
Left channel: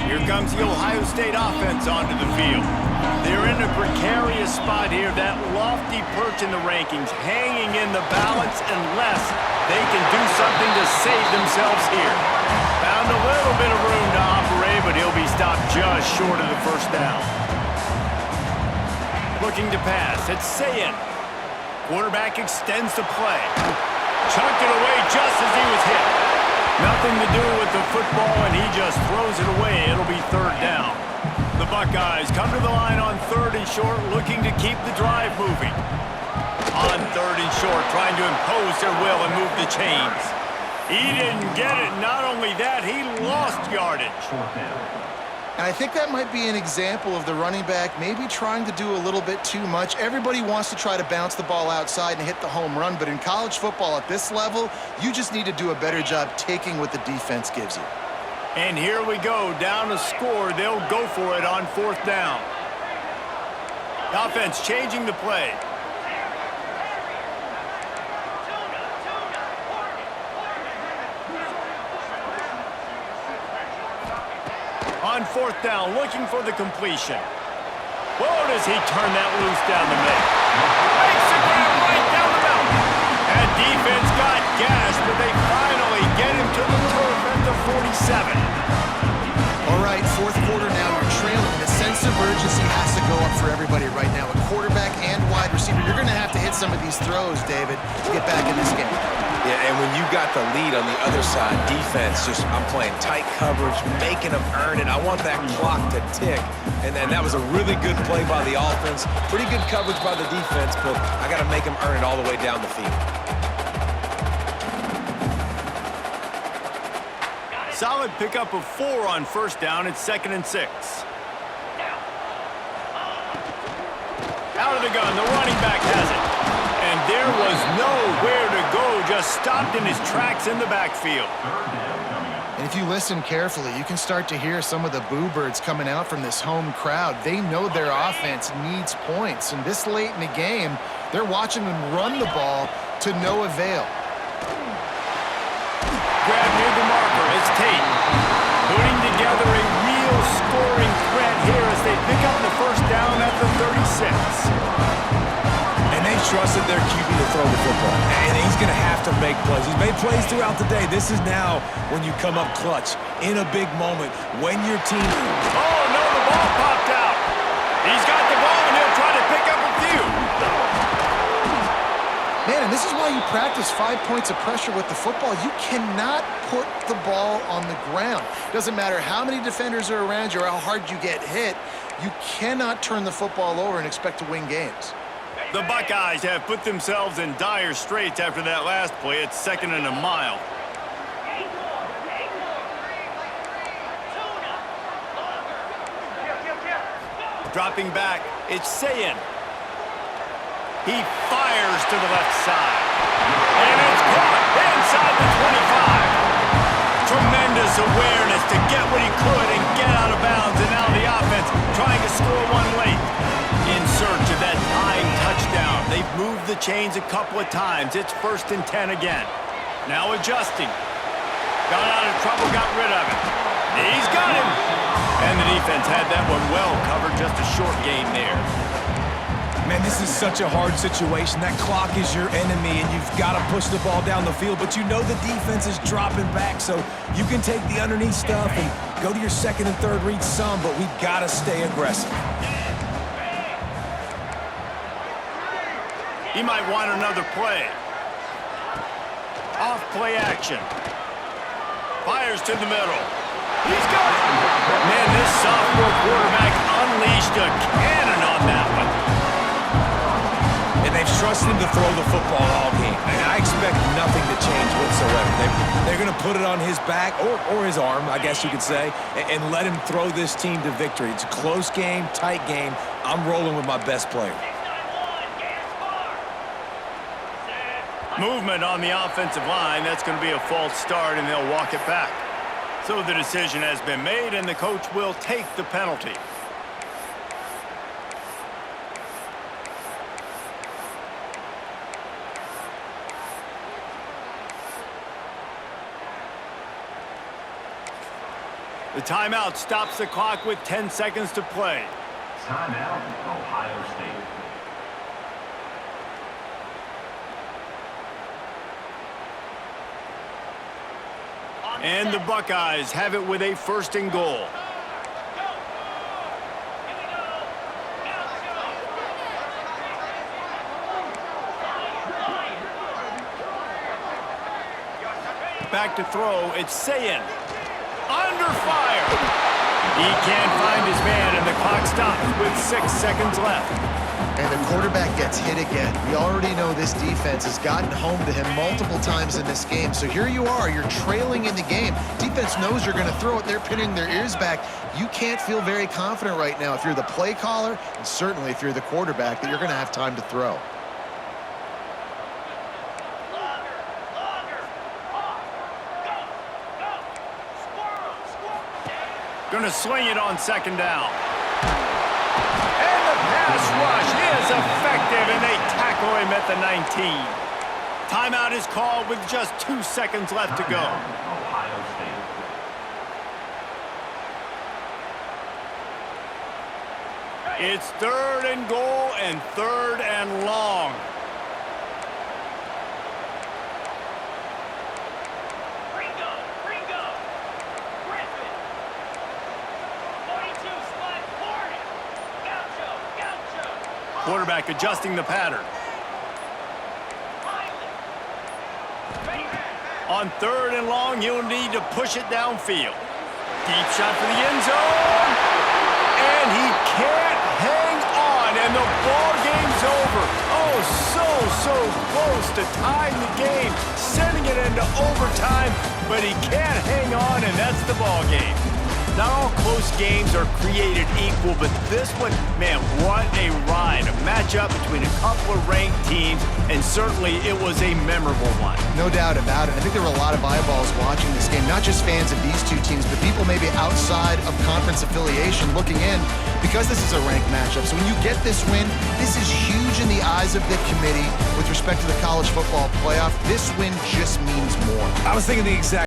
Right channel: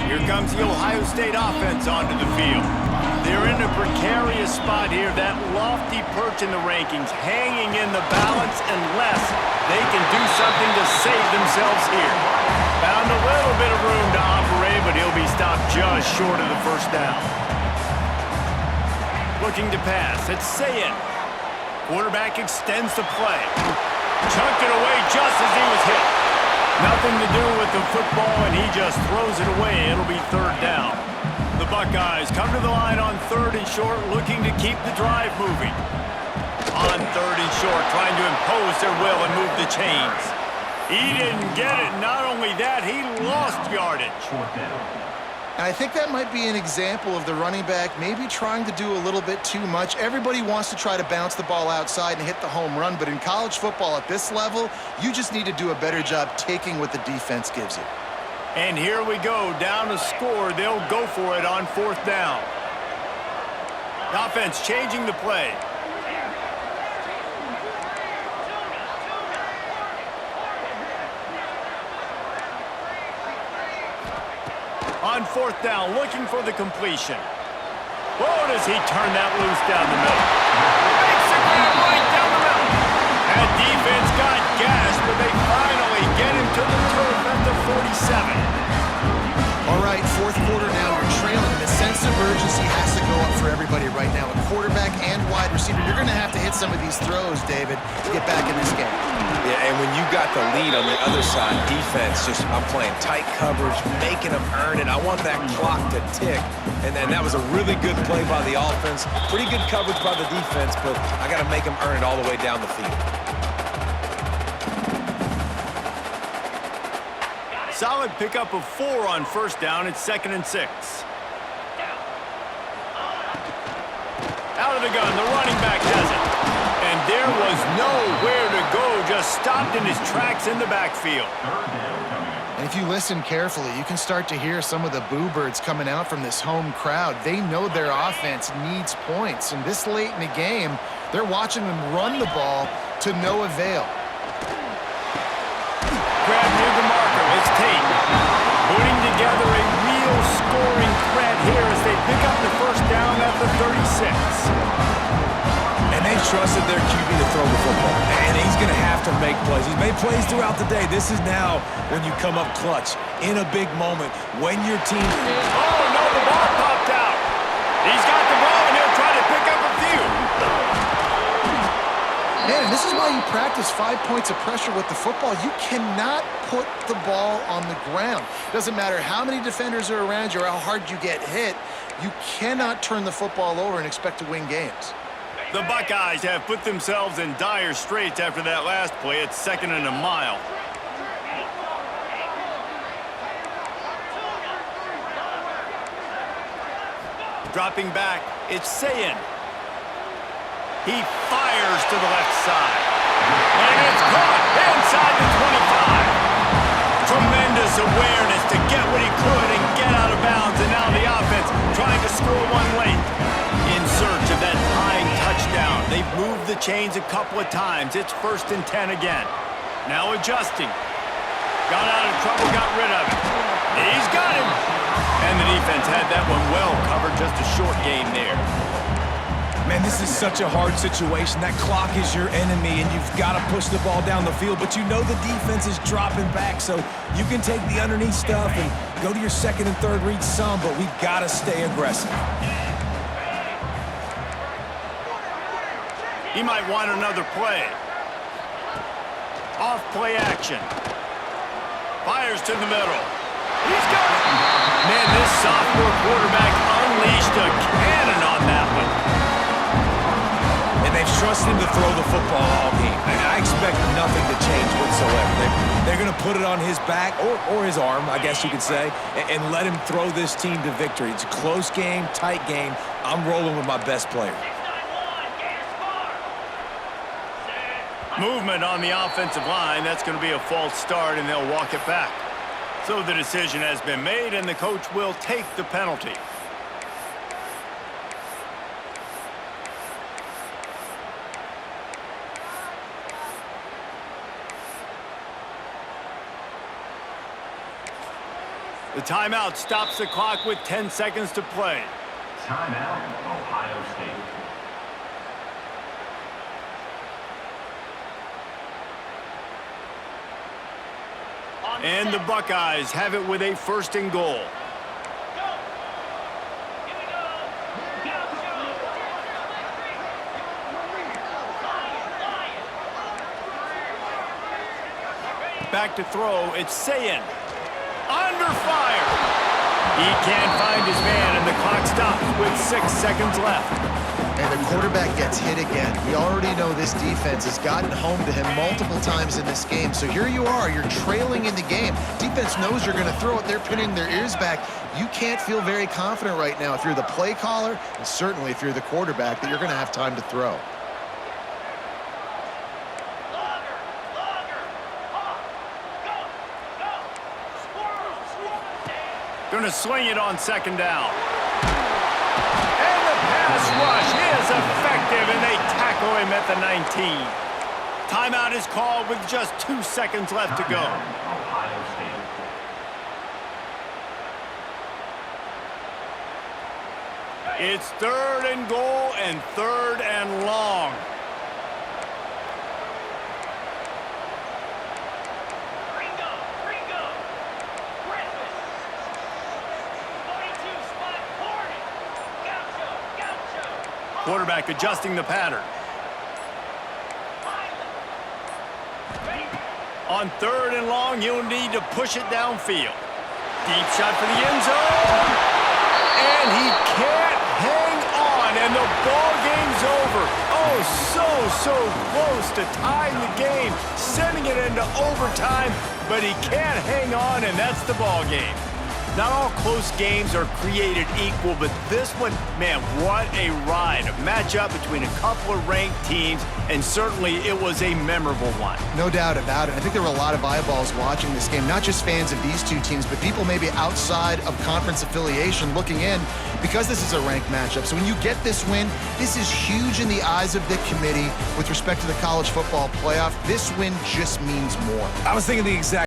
Here comes the Ohio State offense onto the field. They're in a precarious spot here, that lofty perch in the rankings, hanging in the balance unless they can do something to save themselves here. Found a little bit of room to operate, but he'll be stopped just short of the first down. Looking to pass, it's Sayin. Quarterback extends the play. Chunked it away just as he was hit. Nothing to do with the football, and he just throws it away. It'll be 3rd down. The Buckeyes come to the line on 3rd and short, looking to keep the drive moving. On 3rd and short, trying to impose their will and move the chains. He didn't get it. Not only that, he lost yardage. And I think that might be an example of the running back maybe trying to do a little bit too much. Everybody wants to try to bounce the ball outside and hit the home run, but in college football at this level, you just need to do a better job taking what the defense gives you. And here we go, down a score. They'll go for it on 4th down. The offense changing the play. On 4th down, looking for the completion. Whoa, does he turn that loose down the middle? Makes the grab right down the middle. That defense got gashed, but they finally get him to the turf at the 47. All right, 4th quarter now, you're trailing, and the sense of urgency has to go up for everybody right now. A quarterback and wide receiver, you're going to have to hit some of these throws, David, to get back in this game. Yeah, and when you got the lead on the other side, defense, I'm playing tight coverage, making them earn it. I want that clock to tick. And then that was a really good play by the offense. Pretty good coverage by the defense, but I got to make them earn it all the way down the field. Solid pickup of 4 on 1st down. It's 2nd and 6. Out of the gun, the running back has it. And there was nowhere to go, just stopped in his tracks in the backfield. And if you listen carefully, you can start to hear some of the boo birds coming out from this home crowd. They know their offense needs points, and this late in the game, they're watching them run the ball to no avail. Grab near the marker, it's Tate. Putting together a real scoring threat here as they pick up the 1st down at the 36. And they trusted their QB to throw the football. And he's going to have to make plays. He's made plays throughout the day. This is now when you come up clutch in a big moment when your team... Oh, no, the ball popped out. He's got the ball, and he'll try to pick up a few. Man, and this is why you practice 5 points of pressure with the football. You cannot put the ball on the ground. Doesn't matter how many defenders are around you or how hard you get hit, you cannot turn the football over and expect to win games. The Buckeyes have put themselves in dire straits after that last play. It's 2nd and a mile. Dropping back, it's Sayin. He fires to the left side. And it's caught inside the 25. Tremendous awareness to get what he could and get out of bounds. And now the offense trying to score one late. In search of that tying touchdown. They've moved the chains a couple of times. It's 1st and 10 again. Now adjusting. Got out of trouble, got rid of it. He's got him. And the defense had that one well covered. Just a short game there. Man, this is such a hard situation. That clock is your enemy, and you've got to push the ball down the field, but you know the defense is dropping back, so you can take the underneath stuff and go to your 2nd and 3rd read some, but we've got to stay aggressive. He might want another play. Off play action. Fires to the middle. He's got it. Man, this sophomore quarterback unleashed a cannon on that one. And they've trusted him to throw the football all game. And I expect nothing to change whatsoever. They're going to put it on his back, or his arm, I guess you could say, and let him throw this team to victory. It's a close game, tight game. I'm rolling with my best player. Movement on the offensive line. That's going to be a false start, and they'll walk it back. So the decision has been made, and the coach will take the penalty. The timeout stops the clock with 10 seconds to play. Timeout, Ohio State. And the Buckeyes have it with a 1st and goal. Back to throw, it's Sayin. Under fire. He can't find his man, and the clock stops with 6 seconds left. And the quarterback gets hit again. We already know this defense has gotten home to him multiple times in this game. So here you are, you're trailing in the game. Defense knows you're going to throw it. They're pinning their ears back. You can't feel very confident right now if you're the play caller, and certainly if you're the quarterback, that you're going to have time to throw. Going to swing it on 2nd down. And the pass rush is effective, and they tackle him at the 19. Timeout is called with just 2 seconds left to go. Ohio State. It's 3rd and goal and 3rd and long. Quarterback adjusting the pattern. On 3rd and long, you'll need to push it downfield. Deep shot for the end zone. And he can't hang on, and the ball game's over. Oh, so close to tying the game, sending it into overtime, but he can't hang on, and that's the ball game. Not all close games are created equal, but this one, man, what a ride. A matchup between a couple of ranked teams, and certainly it was a memorable one. No doubt about it. I think there were a lot of eyeballs watching this game, not just fans of these two teams, but people maybe outside of conference affiliation looking in, because this is a ranked matchup. So when you get this win, this is huge in the eyes of the committee with respect to the college football playoff. This win just means more. I was thinking the exact